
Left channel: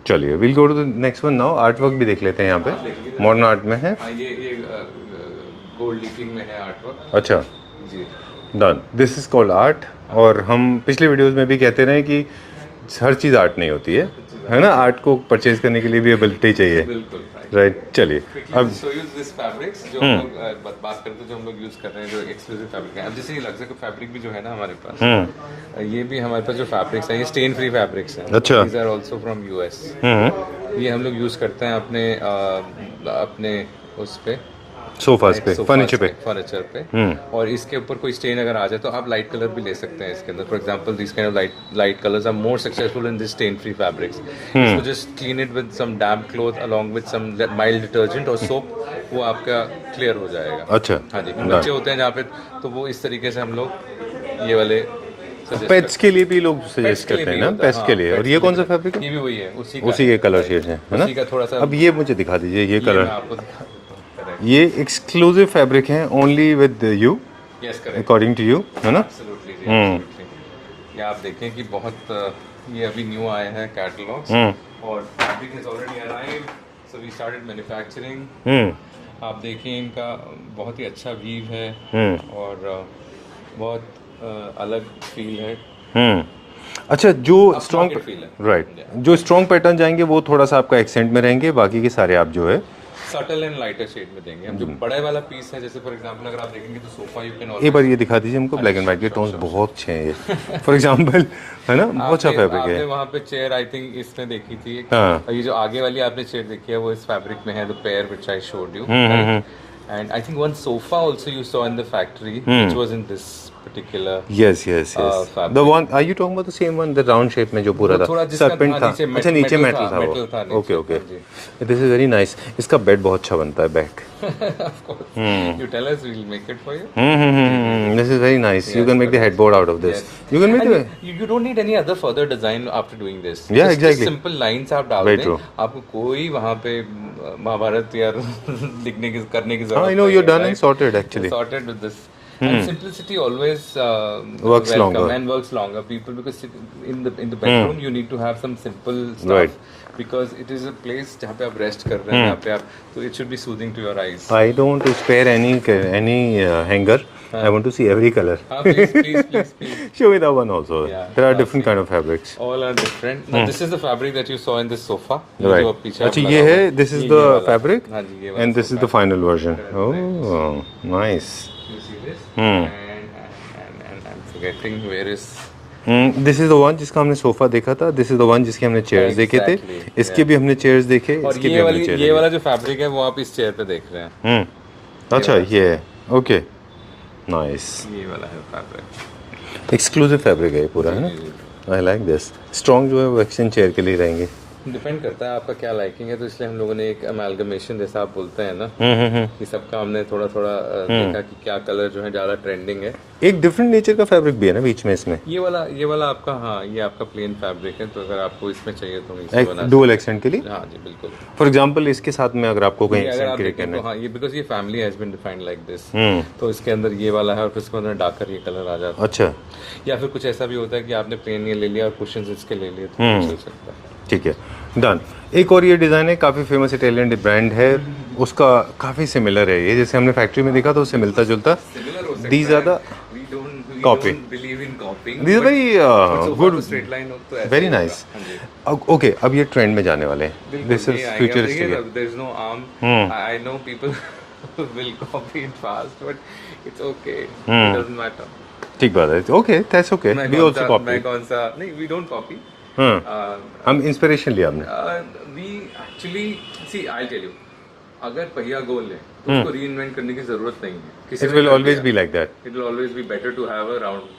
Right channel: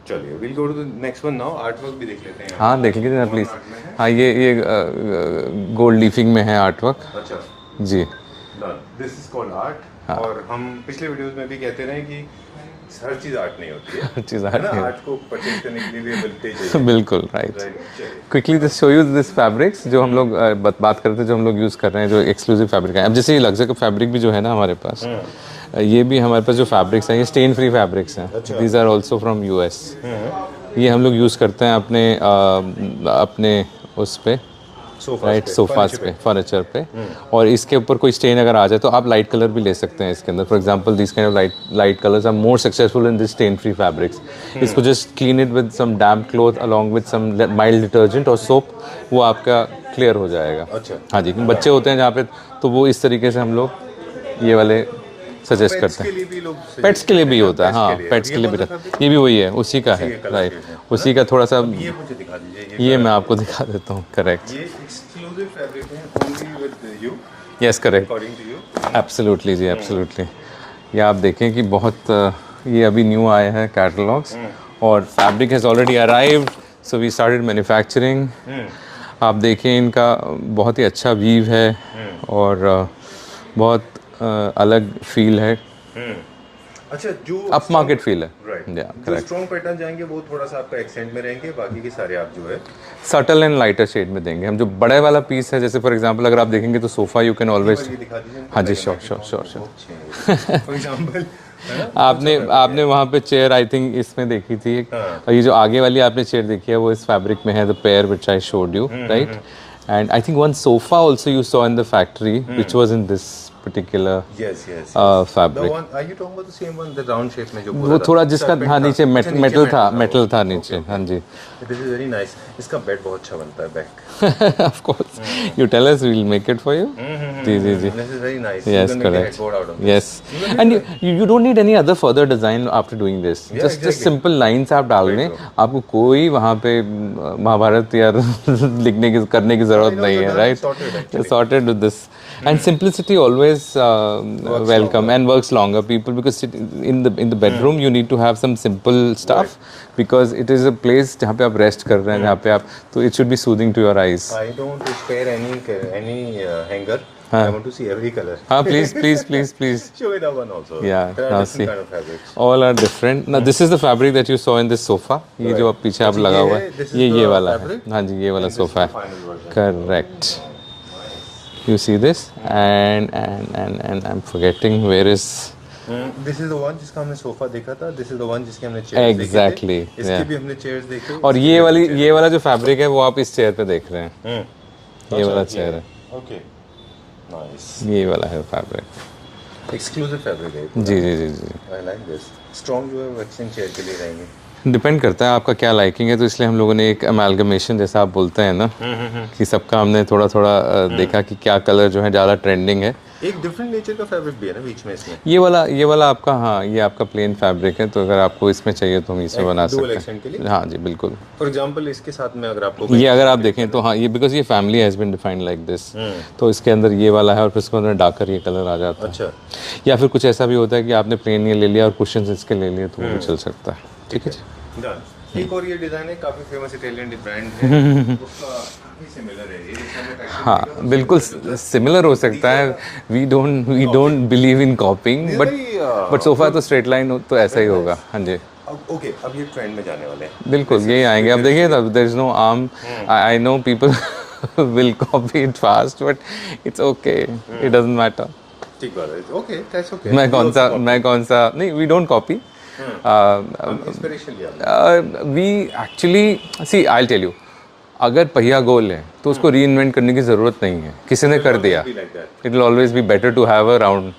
चलिए will go to the next one now. Art work भी देख लेते हैं यहाँ पे। हाँ देख लीजिए। मॉडर्न आर्ट में है। हाँ ये गोल्ड लीफिंग में है आर्ट वर्क। अच्छा जी done. This is called art. और हम पिछले वीडियोस में भी कहते रहे कि हर चीज आर्ट नहीं होती है ना? आर्ट को परचेज करने के लिए भी एबिलिटी चाहिए। बिल्कुल राइट। चलिए quickly just show you this fabrics जो हम लोग बात करते हैं, जो हम लोग यूज कर रहे हैं, जो एक्सक्लूसिव फैब्रिक है। अब जैसे ये लग्जरी का फैब्रिक भी जो है ना हमारे पास, ये भी हमारे पास जो फैब्रिक्स हैं ये स्टेन फ्री फैब्रिक्स हैं। अच्छा। These are also from US. ये हम लोग यूज करते हैं अपने उस पे फर्नीचर पे। और इसके ऊपर कोई स्टेन अगर आ जाए तो आप लाइट कलर भी ले सकते हैं इसके अंदर। For example this kind of light colours are more successful in this stain free fabrics. इसको just clean it with some damp cloth along with some mild detergent और सोप, वो आपका क्लियर हो जाएगा। अच्छा। हाँ जी, बच्चे होते हैं जहाँ पे, तो वो इस तरीके से हम लोग ये वाले सजेस्ट करते हैं। के लिए भी लोग पेट्स के लिए भी होता है। हाँ, पेट्स ये कौन सा फैब्रिक? ये भी वही है, उसी का कलर है, उसी का थोड़ा सा। अब ये मुझे दिखा दीजिए। ये मैं आपको दिखा देता हूँ। करेक्ट। ये एक्सक्लूसिव फैब्रिक है, only with you. Yes correct, according to you, है ना? एब्सोल्युटली जी, एब्सोल्युटली। ये आप देखें कि बहुत ये अभी न्यू आए हैं कैटलॉग्स और fabric has already arrived, so we started manufacturing. आप देखें इनका बहुत ही अच्छा वीव है और बहुत अलग फील है। अच्छा, जो अप मार्केट फील है। राइट। जो स्ट्रॉन्ग पैटर्न जाएंगे वो थोड़ा सा आपका एक्सेंट में रहेंगे, बाकी के सारे आप जो है सटल एंड लाइटर शेड में देंगे हम। जो बड़े वाला पीस है, जैसे फॉर एग्जांपल अगर आप देखेंगे तो सोफा यू कैन ऑलवेज। एक बार ये दिखा दीजिए हमको। ब्लैक एंड व्हाइट के टोन बहुत अच्छे हैं फॉर एग्जांपल, है ना? आपने वहाँ पे चेयर आई थिंक इसमें देखी थी एक, और ये जो आगे वाली आपने चेयर देखी है वो इस फैब्रिक में है, the pair which I showed you, right? And I think one sofa also you saw in the factory which was in this particular fabric. The one, are you talking about the same one, the round shape में जो पूरा वो थोड़ा जिसका था नीचे मेटल था नीचे। हाँ जी। This is very nice. इसका बेड बहुत अच्छा बनता है, back. Of course. You tell us, we will make it for you. This is very nice. You can make the headboard out of this. Yes. And you don't need any other further design after doing this. Yeah, exactly. Just simple lines आप डाल दें, आपको कोई वहाँ पे महाभारत या लिखने की करने की जरूरत नहीं है, right? Sorted actually. Sorted with this. And simplicity always works welcome longer. and works longer. People, because in the bedroom you need to have some simple stuff, because it is a place जहाँ पे आप rest कर रहे हैं, जहाँ पे आप, तो it should be soothing to your eyes. I don't want to spare any hanger. I want to see every color. Please. Show me that one also. Yeah. There are different kind of fabrics. All are different. Now this is the fabric that you saw in this sofa. ये जो पीछे आप लगा हुआ है, this is the fabric. हाँ जी, ये वाला and this is the final version. Correct. Oh, nice. You see this? And I'm forgetting where is. This is the one जिसका हमने सोफा देखा था. This is the one जिसके हमने chairs देखे थे. इसके भी हमने chairs देखे. और ये वाला जो फैब्रिक है वो आप इस चेयर पे देख रहे हैं। अच्छा, ये okay. Nice. ये वाला है फैब्रिक। Exclusive फैब्रिक है पूरा। जी। I like this. Strong जो है वो एक्सचेंज चेयर के लिए रहेंगे। डिपेंड करता है आपका क्या लाइकिंग है, तो इसलिए हम लोगों ने एक अमेलगमेशन जैसा आप बोलते हैं ना, कि सबका हमने थोड़ा देखा कि क्या कलर जो है ज़्यादा ट्रेंडिंग है। एक डिफरेंट नेचर का फैब्रिक भी है ना बीच में इसमें। ये वाला आपका, हाँ ये आपका प्लेन फैब्रिक है, तो अगर आपको इसमें चाहिए तो हम इसमें बना सकते हैं डुअल एक्सेंट के लिए। हाँ जी बिल्कुल। फॉर एग्जांपल इसके साथ में अगर आपको ये अगर आप देखें तो हाँ, ये बिकॉज ये family has been defined like this, तो इसके अंदर ये वाला है और फिर इसके अंदर डार्कर ये कलर आ जाता है। अच्छा। या फिर कुछ ऐसा भी होता है कि आपने प्लेन ये ले लिया और कुशन्स इसके ले लिए, तो चल सकता है। ठीक है, डन। एक और ये डिज़ाइन है, काफ़ी फेमस इटालियन ब्रांड है, उसका काफ़ी सिमिलर है ये, जैसे हमने फैक्ट्री में देखा तो उससे मिलता जुलता सिमिलर हो सकता है। We don't believe in copying, but sofa तो स्ट्रेट लाइन तो ऐसा ही होगा। हाँ जी। ओके, अब ये ट्रेंड में जाने वाले हैं, बिल्कुल ये आएंगे। अब देखिए, there is no arm, I know people will copy it fast, but it's okay. It doesn't matter. ठीक बात है, ओके, दैट्स ओके। मैं कौन सा नहीं, we don't copy. हम इंस्पिरेशन लिया हमने। We actually see, I'll tell you, अगर पहिया गोल है तो उसको रीइन्वेंट करने की जरूरत नहीं है, किसी ने कर दिया। It will always be better to have a round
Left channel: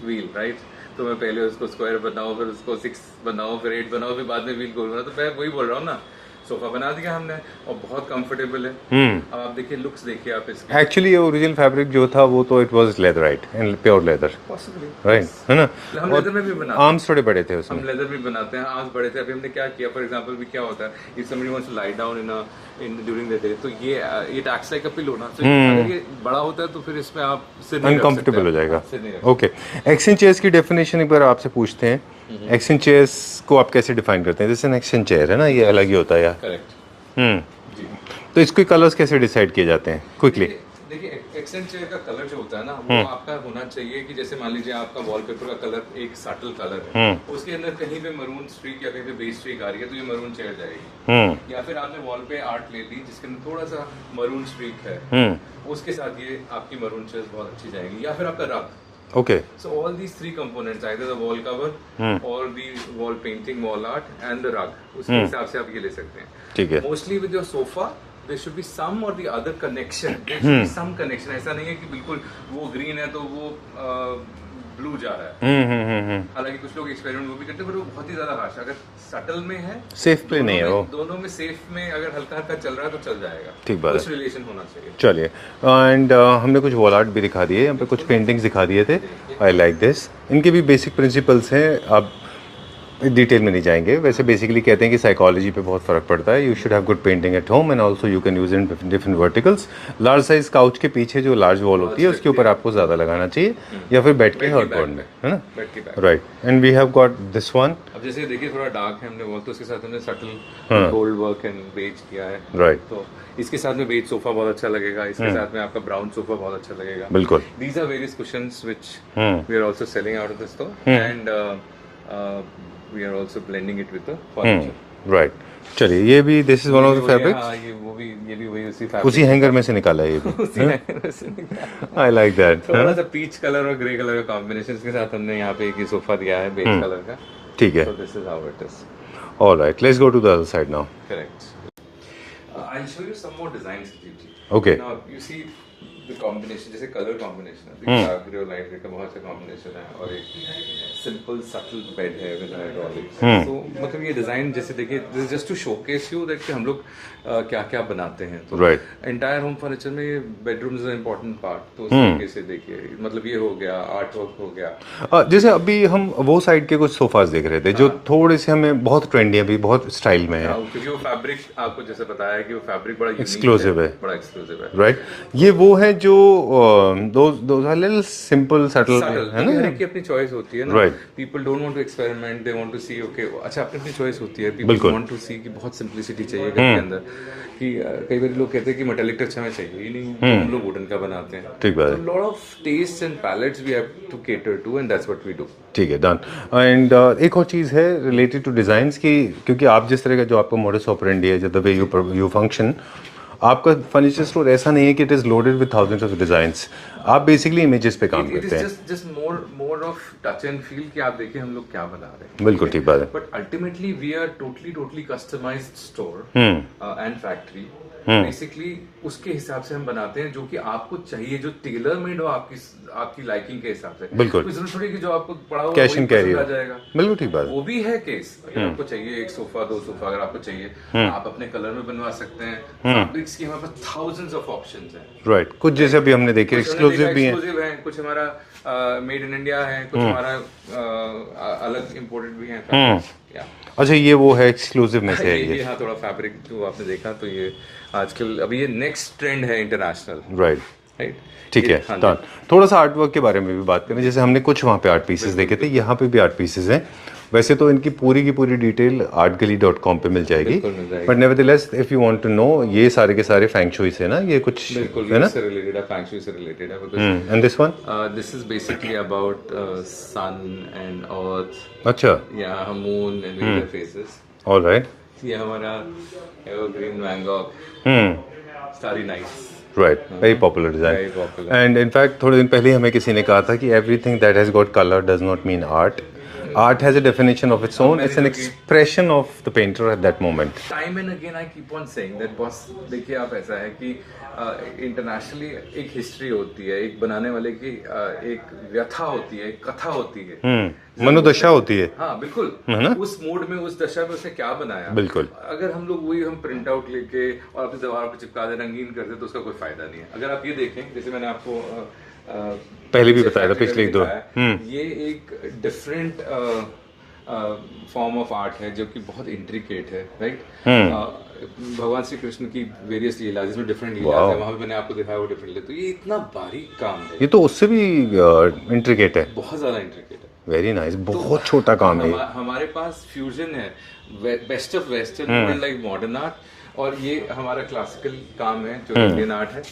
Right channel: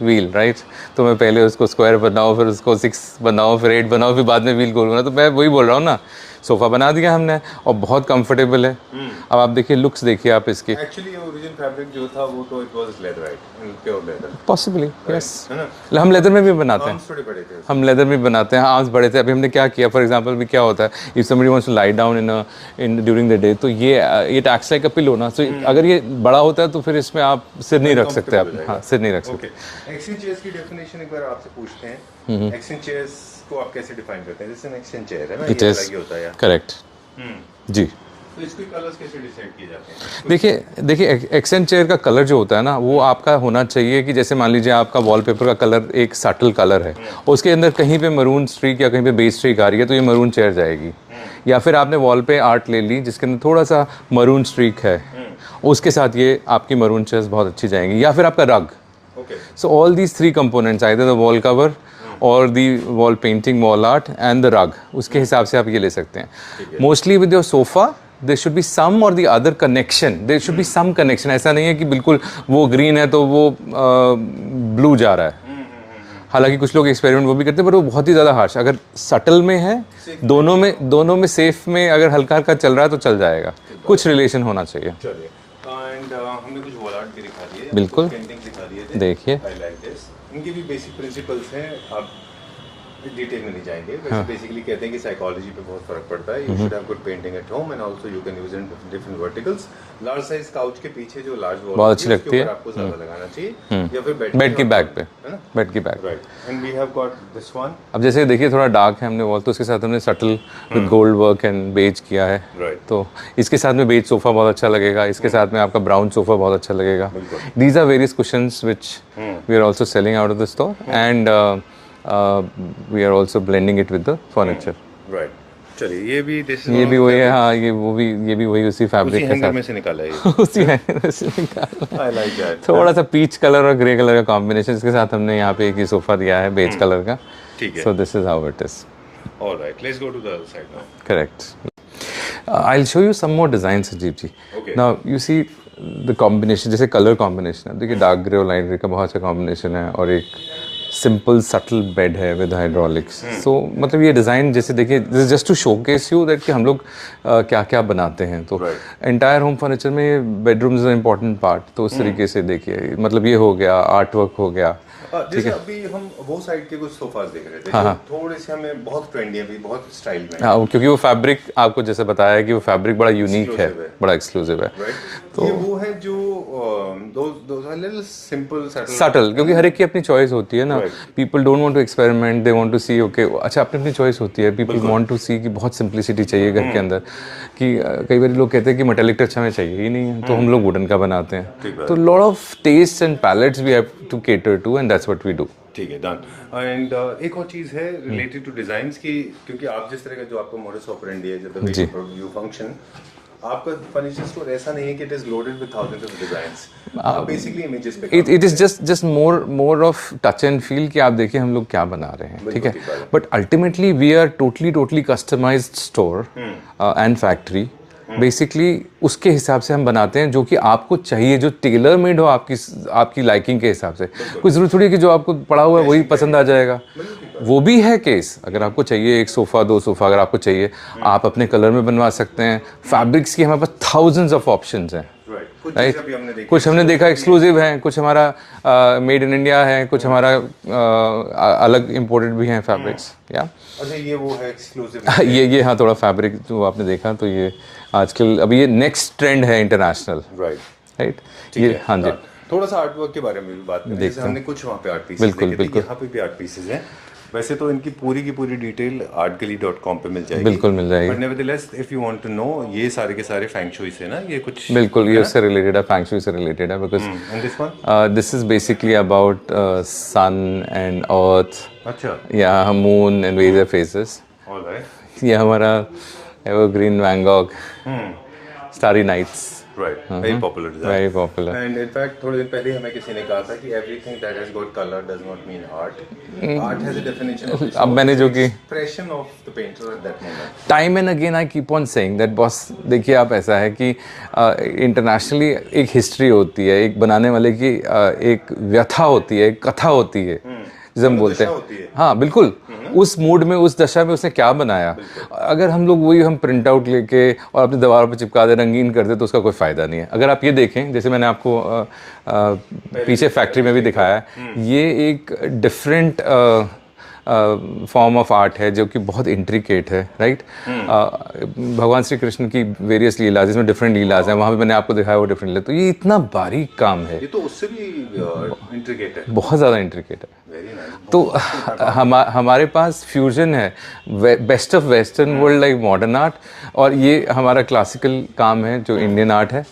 wheel, right? तो मैं पहले उसको स्क्वायर बनाऊँ, फिर उसको 6 बनाऊँ, फिर 8 बनाऊँ, फिर बाद में व्हील गोल बनाऊँ। तो मैं वही बोल रहा हूँ ना, सोफा बना दिया हमने और बहुत कंफर्टेबल है। अब आप देखिए, लुक्स देखिए आप इसकी। एक्चुअली ये ओरिजिनल फैब्रिक जो था वो तो it was leather, right, and pure leather possibly, है ना। हम लेदर में भी बनाते हैं। आर्म्स थोड़े बड़े थे उसमें। हम लेदर में बनाते हैं, आर्म्स बड़े थे। अभी हमने क्या किया, फॉर एग्जांपल भी क्या होता है, if somebody wants to lie down in during the day, तो ये it acts like a pillow ना। सो अगर ये बड़ा होता है तो फिर इसमें आप सिर नहीं रख सकते, हो जाएगा। सिर नहीं रख सकते। ओके, एक्सचेंज चेयर्स की डेफिनेशन एक बार आपसे पूछते हैं। एक्सचेंज चेयर्स को आप कैसे डिफाइन करते हैं? जैसे एक एक्सचेंज चेयर है ना, ये अलग ही होता है। करेक्ट जी। तो इसके कलर्स कैसे डिसाइड किए जाते हैं? देखिए एक्सेंट चेयर का कलर जो होता है ना, वो आपका होना चाहिए कि जैसे मान लीजिए आपका वॉलपेपर का कलर एक सटल कलर है, उसके अंदर कहीं पे मरून स्ट्रीक या कहीं पे बेस स्ट्रीक आ रही है तो ये मरून चेयर जाएगी। या फिर आपने वॉल पे आर्ट ले ली जिसके अंदर थोड़ा सा मरून स्ट्रीक है, उसके साथ ये आपकी मरून चेयर्स बहुत अच्छी जाएंगी। या फिर आपका रग। Okay. So all these three components, either the wall cover or the wall painting, wall art and the rug, उसके हिसाब से आप ये ले सकते हैं। ठीक है। Mostly with your sofa, there should be some or the other connection. There should be some connection. ऐसा नहीं है कि बिल्कुल वो ग्रीन है तो वो ब्लू जा रहा है। हालांकि कुछ लोग एक्सपेरिमेंट वो भी करते हैं, पर वो बहुत ही ज़्यादा हार्श। अगर सटल में है, दोनों में सेफ में अगर हल्का हल्का चल रहा है तो चल जाएगा। कुछ रिलेशन होना चाहिए। चलिए, एंड हमने कुछ वॉल आर्ट भी दिखा दिए, हमने कुछ पेंटिंग्स दिखा दिए थे। देखिए, आई लाइक दिस। इनके भी बेसिक प्रिंसिपल्स हैं, आप डिटेल में नहीं जाएंगे। वैसे बेसिकली कहते हैं कि साइकोलॉजी पे बहुत फर्क पड़ता है। You should have good painting at home and also you can use in different verticals. Large size couch के पीछे जो लार्ज वॉल होती है उसके ऊपर आपको ज्यादा लगाना चाहिए, या फिर बेड की बैक पे, है ना, बेड की back, right. And we have got this one. अब जैसे देखिए थोड़ा डार्क है हमने वॉल, तो उसके साथ हमने subtle gold work and beige किया है, राइट। तो इसके साथ में बेज सोफा बहुत अच्छा लगेगा, इसके साथ में आपका ब्राउन सोफा बहुत अच्छा लगेगा। बिल्कुल। These are various cushions which we are also selling out of the store and we are also blending it with the furniture. Right. चलिए, ये भी this is one of the fabrics. हाँ, ये भी वही उसी फैब्रिक उसी हैंगर में से निकाला है ये। उसी हैंगर में से निकाला। I like that. थोड़ा सा पीच कलर और ग्रे कलर का कॉम्बिनेशन, इसके साथ हमने यहाँ पे एक ही सोफा दिया है बेज कलर का। ठीक है। So this is how it is. All right. Let's go to the other side now. Correct. I'll show you some more designs, Ajib ji. Okay. Now you see the combination, जैसे कलर कॉम्बिनेशन है, देखिए डार्क ग्रे और लाइट ग्रे का बहुत अच्छा कॉम्बिनेशन है, और एक सिंपल सटल बेड है विद हाइड्रोलिक्स। सो मतलब ये डिज़ाइन जैसे देखिए, this just to showcase you that कि हम लोग क्या क्या बनाते हैं। तो एंटायर होम फर्नीचर में ये bedroom is a important part. तो उस तरीके से देखिए, मतलब ये हो गया, आर्ट वर्क हो गया। जैसे अभी हम वो साइड के कुछ सोफास देख रहे थे जो थोड़े से हमें बहुत ट्रेंडी है, अभी बहुत स्टाइल में है, क्योंकि वो फैब्रिक आपको जैसे बताया कि वो फैब्रिक बड़ा यूनिक है, बड़ा एक्सक्लूसिव है, राइट। ये वो है जो दो सिंपल सटल, क्योंकि हर एक की अपनी चॉइस होती है ना। People don't want to experiment, they want to see, okay अच्छा अपनी अपनी चॉइस होती है। पीपल वांट टू सी कि बहुत सिंप्लिसिटी चाहिए घर के अंदर, कि कई बार लोग कहते हैं कि मेटालिक टच हमें चाहिए ही नहीं है, तो हम लोग वुडन का बनाते हैं। ठीक बात। तो lot of taste and palettes we have to cater to, and that's what we do. ठीक है, डन। एंड एक और चीज़ है रिलेटेड टू डिज़ाइंस की, क्योंकि आप जिस तरह का जो आपका मॉडस ऑपरेंडी है, जो द वे यू फंक्शन, आपका फर्नीचर स्टोर ऐसा नहीं है कि it is loaded with thousands of designs. आप बेसिकली इमेजेस पे काम करते हैं। It is just more of touch and feel कि आप देखिए हम लोग क्या बना रहे हैं। बिल्कुल ठीक बात है। But ultimately we are totally customised store and factory. Basically उसके हिसाब से हम बनाते हैं जो कि आपको चाहिए, जो टेलर मेड हो आपकी लाइकिंग के हिसाब से। कोई जरूरत थोड़ी है कि जो आपको पड़ा हुआ है वही पसंद आ जाएगा। बिल्कुल ठीक बात। वो भी है केस, अगर आपको चाहिए एक सोफा, 2 सोफा अगर आपको चाहिए, आप अपने कलर में बनवा सकते हैं। फैब्रिक्स की हमारे पास थाउजेंड्स ऑफ ऑप्शंस हैं, राइट। कुछ जैसे भी हमने देखा, कुछ हमने देखा एक्सक्लूसिव है, कुछ हमारा मेड इन इंडिया है, कुछ हमारा अलग इम्पोर्टेड भी हैं फैब्रिक्स। या अच्छा, ये वो है एक्सक्लूसिव ये हाँ, थोड़ा फैब्रिक जो आपने देखा, तो ये आजकल अभी ये नेक्स्ट ट्रेंड है इंटरनेशनल, राइट। ठीक है, हाँ जी। थोड़ा सा आर्ट वर्क के बारे में भी बात करें। जैसे हमने कुछ वहाँ पे आर्ट पीसेस देखे थे, यहाँ पे भी आर्ट पीसेस हैं। वैसे तो इनकी पूरी की पूरी डिटेल artgali.com पे मिल जाएगी, बिल्कुल मिल जाएगी। But nevertheless if you want to know, ये सारे के सारे फैंग शुई से ना, ये कुछ बिल्कुल ये उससे रिलेटेड है, फैंग शुई से रिलेटेड है, because and this one this is basically about sun and earth अच्छा या moon and various phases. Alright ये हमारा evergreen Van Gogh starry nights, right, very popular design, very popular. And in fact थोड़े दिन पहले ही हमें किसी ने कहा था कि everything that has got colour does not mean art, art has a definition of its own, मैंने इट्स एन जो कि- expression of the painter at that moment. Time and again I keep on saying that boss, देखिए आप, ऐसा है कि इंटरनेशनली एक हिस्ट्री होती है, एक बनाने वाले की एक व्यथा होती है, एक कथा होती है, जिसे हम मनोदशा बोलते हैं। होती है। हाँ बिल्कुल, उस मूड में, उस दशा में उसने क्या बनाया। बिल्कुल। अगर हम लोग वही हम प्रिंट आउट लेके और अपनी दीवार पर चिपका दे, रंगीन कर दे, तो उसका कोई फायदा नहीं है। अगर आप ये देखें, जैसे मैंने आपको पीछे फैक्ट्री में भी दिखाया है, ये एक डिफरेंट फॉर्म ऑफ आर्ट है जो कि बहुत इंट्रिकेट है, राइट। भगवान श्री कृष्ण की वेरियस लीला, जिसमें डिफरेंट लीलाज है, वहाँ पे मैंने आपको दिखाया वो डिफरेंट लीला। तो ये इतना बारीक काम है, ये तो उससे भी इंट्रिकेट है, बहुत ज़्यादा इंट्रिकेट है। वेरी नाइस, तो बहुत छोटा काम है। हमारे पास फ्यूजन है, best of western world like modern art, और ये हमारा क्लासिकल काम है जो इंडियन आर्ट है।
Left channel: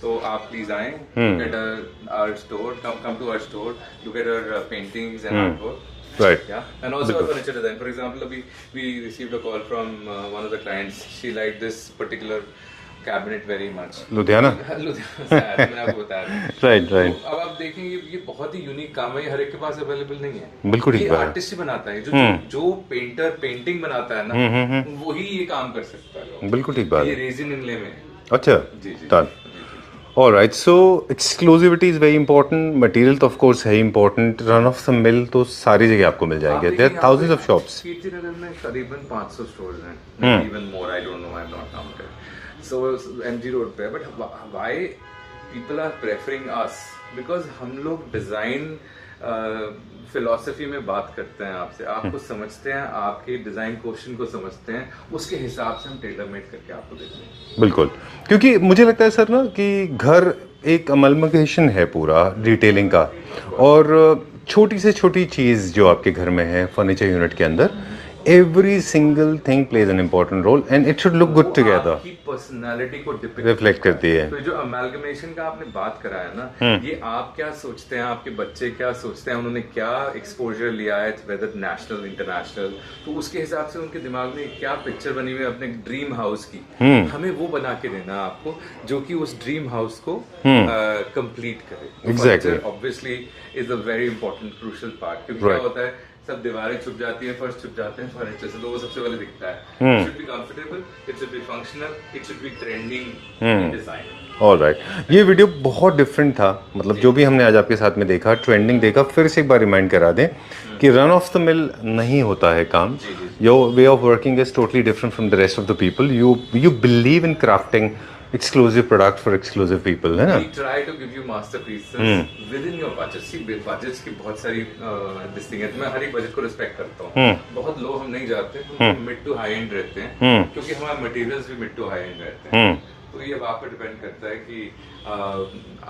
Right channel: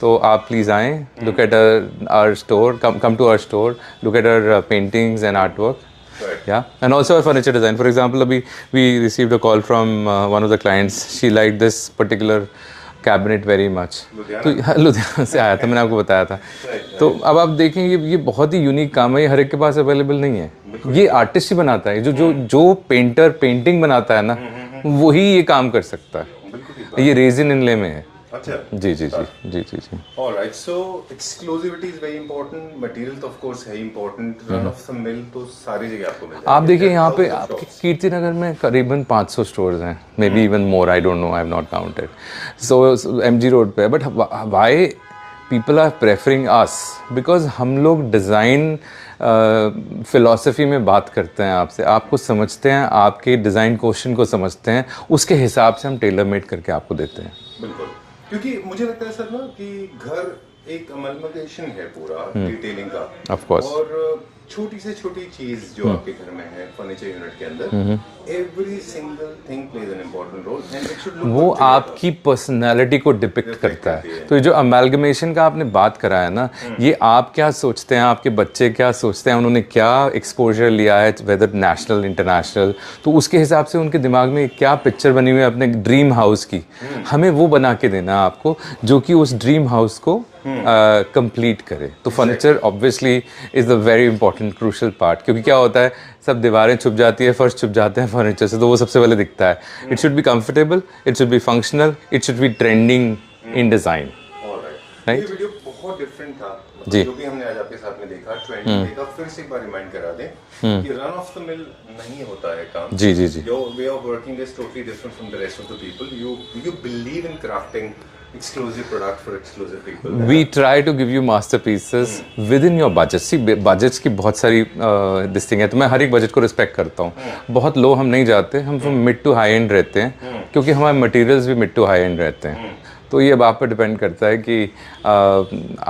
तो आप प्लीज़ आएँ, look at our store, come to our store, look at our paintings and art work. Right. Yeah, and also a furniture design. For example, we received a call from one of the clients. She liked this particular cabinet very much. Ludhiana? Ludhiana से आया था, मैंने आपको बताया था. Right, right. तो अब आप देखें, ये बहुत ही यूनिक काम है, ये हर एक के पास अवेलेबल नहीं है. बिल्कुल ये आर्टिस्ट ही बनाता है, जो पेंटर पेंटिंग बनाता है ना, वही ये काम कर सकता है. बिल्कुल ठीक बात। ये रेजिन इनले में है. अच्छा जी जी जी जी जी. Alright, so exclusivity is very important, material तो ऑफ कोर्स है important, run of the mill तो सारी जगह आपको मिल जाएंगे. आप देखिए यहाँ पे ऑफ शॉप्स कीर्ति नगर में करीबन 500 स्टोर्स हैं, maybe even more, I don't know, I have not counted. So MG road पे, but why people are preferring us, because हम लोग डिज़ाइन फिलॉसफी में बात करते हैं आपसे, आपको समझते हैं, आपके डिज़ाइन क्वेश्चन को समझते हैं, उसके हिसाब से हम टेलर मेड करके आपको देते हैं. बिल्कुल, क्योंकि मुझे लगता है सर ना कि घर एक अमलमकेशन है पूरा डिटेलिंग का, Of course. और छोटी से छोटी चीज जो आपके घर में है फर्नीचर यूनिट के अंदर, every single thing plays an important role and it should look good together. आपकी पर्सनालिटी को डिपिक्ट Reflect करती है. तो ये जो अमेलगमेशन का आपने बात करा है ना, ये आप क्या सोचते हैं, आपके बच्चे क्या सोचते हैं, उन्होंने क्या एक्सपोजर लिया है, वेदर नेशनल इंटरनेशनल, तो उसके हिसाब से उनके दिमाग में क्या पिक्चर बनी हुई है अपने ड्रीम हाउस की, हमें वो बना के देना है आपको, जो कि उस ड्रीम हाउस को कंप्लीट करे. तो furniture obviously is the very important crucial part, क्योंकि क्या होता है, सब दीवारें छुप जाती है, फर्श छुप जाते हैं फर्नीचर से, तो वो सबसे पहले दिखता है. It should be comfortable, it should be functional, it should be trending in design. Alright, ये वीडियो बहुत डिफरेंट था, मतलब जो भी हमने आज आपके साथ में देखा, ट्रेंडिंग देखा, फिर से एक बार रिमाइंड करा दें कि रन ऑफ द मिल नहीं होता है काम. जी जी जी. Your way of working is totally different from the rest of the people. You believe in crafting exclusive product for exclusive people. We try to give you masterpieces within your budget. See, budgets की बहुत सारी this thing है, तो मैं हर एक बजट को रिस्पेक्ट करता हूँ. बहुत लो हम नहीं जाते, हम तो मिड टू हाई एंड रहते हैं, क्योंकि हमारे मटेरियल्स भी मिड टू हाई एंड रहते हैं. तो ये अब आप पर डिपेंड करता है कि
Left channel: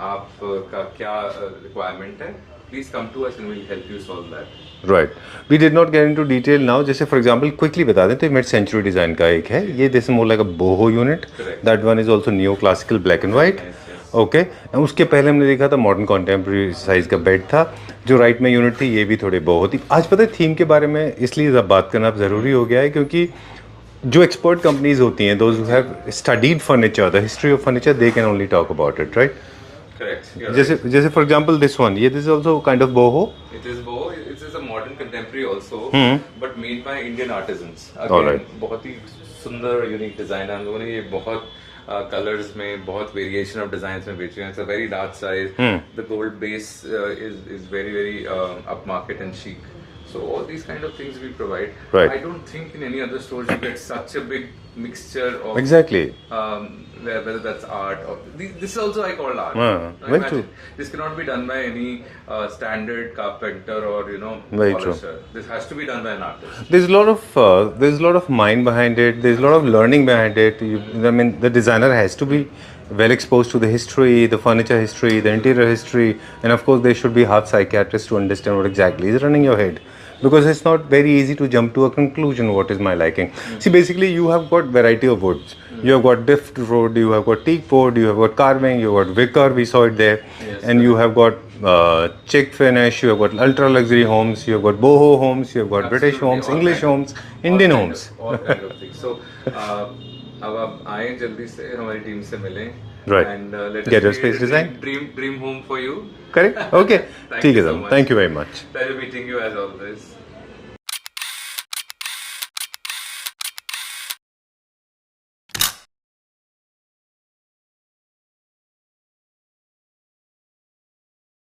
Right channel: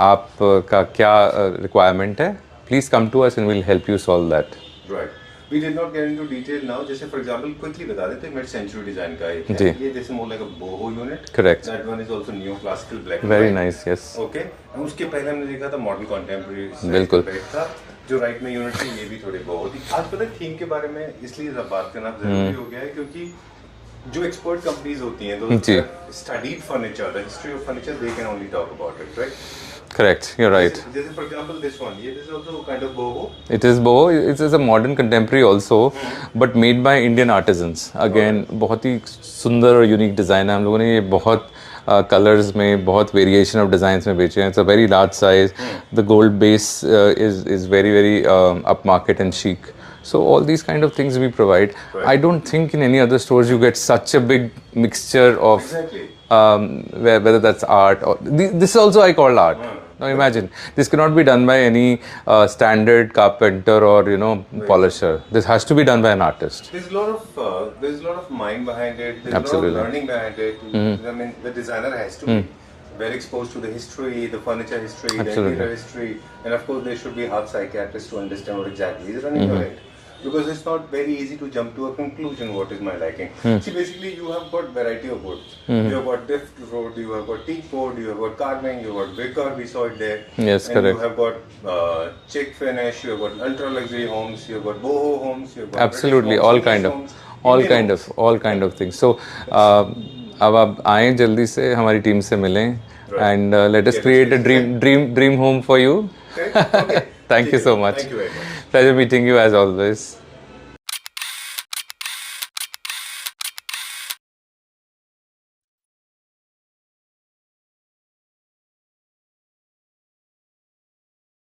आपका क्या रिक्वायरमेंट है. Please come to us and will help you solve that. Right, we did not get into detail now. जैसे फॉर एग्जांपल क्विकली बता दें तो मिड सेंचुरी डिजाइन का एक है, ये this more like a boho unit. Correct. That one is also neo classical black and Very white. nice, yes. Okay, उसके पहले हमने देखा था मॉडर्न कॉन्टेम्प्रेरी साइज का बेड था, जो राइट में यूनिट थी, ये भी थोड़े बोहो थी. आज पता है थीम के बारे में इसलिए बात करना जरूरी हो गया है, क्योंकि जो एक्सपर्ट कंपनीज होती हैं, those have studied furniture, the history of furniture, they can only talk about it, right? Correct, you're right. जैसे फॉर एग्जांपल दिस वन, ये this is also kind of boho. It is boho. It is a modern contemporary also, but made by Indian artisans. Again, बहुत ही सुंदर और यूनिक डिज़ाइन है. हम लोगों ने ये बहुत कलर्स में, बहुत वेरिएशन ऑफ डिज़ाइंस में बेचे हैं. It's a very large size. The gold base is very up market and chic. So all these kind of things we provide. Right. I don't think in any other stores you get such a big mixture of Exactly. whether that's art or this also I call art. Now imagine this cannot be done by any standard carpenter or polisher. This has to be done by an artist. There's a lot of mind behind it. There's a lot of learning behind it. I mean, the designer has to be well exposed to the history, the furniture history, the interior history, and of course there should be half psychiatrists to understand what exactly is running your head. because it's not very easy to jump to a conclusion what is my liking. See, basically you have got variety of woods. You have got drift wood, you have got teak wood, you have got carving, you have got wicker, we saw it there. Yes, and you have got chick finish, you have got ultra luxury homes, you have got boho homes, you have got British Absolutely, homes, English homes, Indian homes. all kind of things. So अब आप आएं जल्दी से हमारी टीम से मिलें and let us Get your create a space dream home for you. Correct? Okay. Thank you so much. Thank you very much. Pleasure meeting you as always.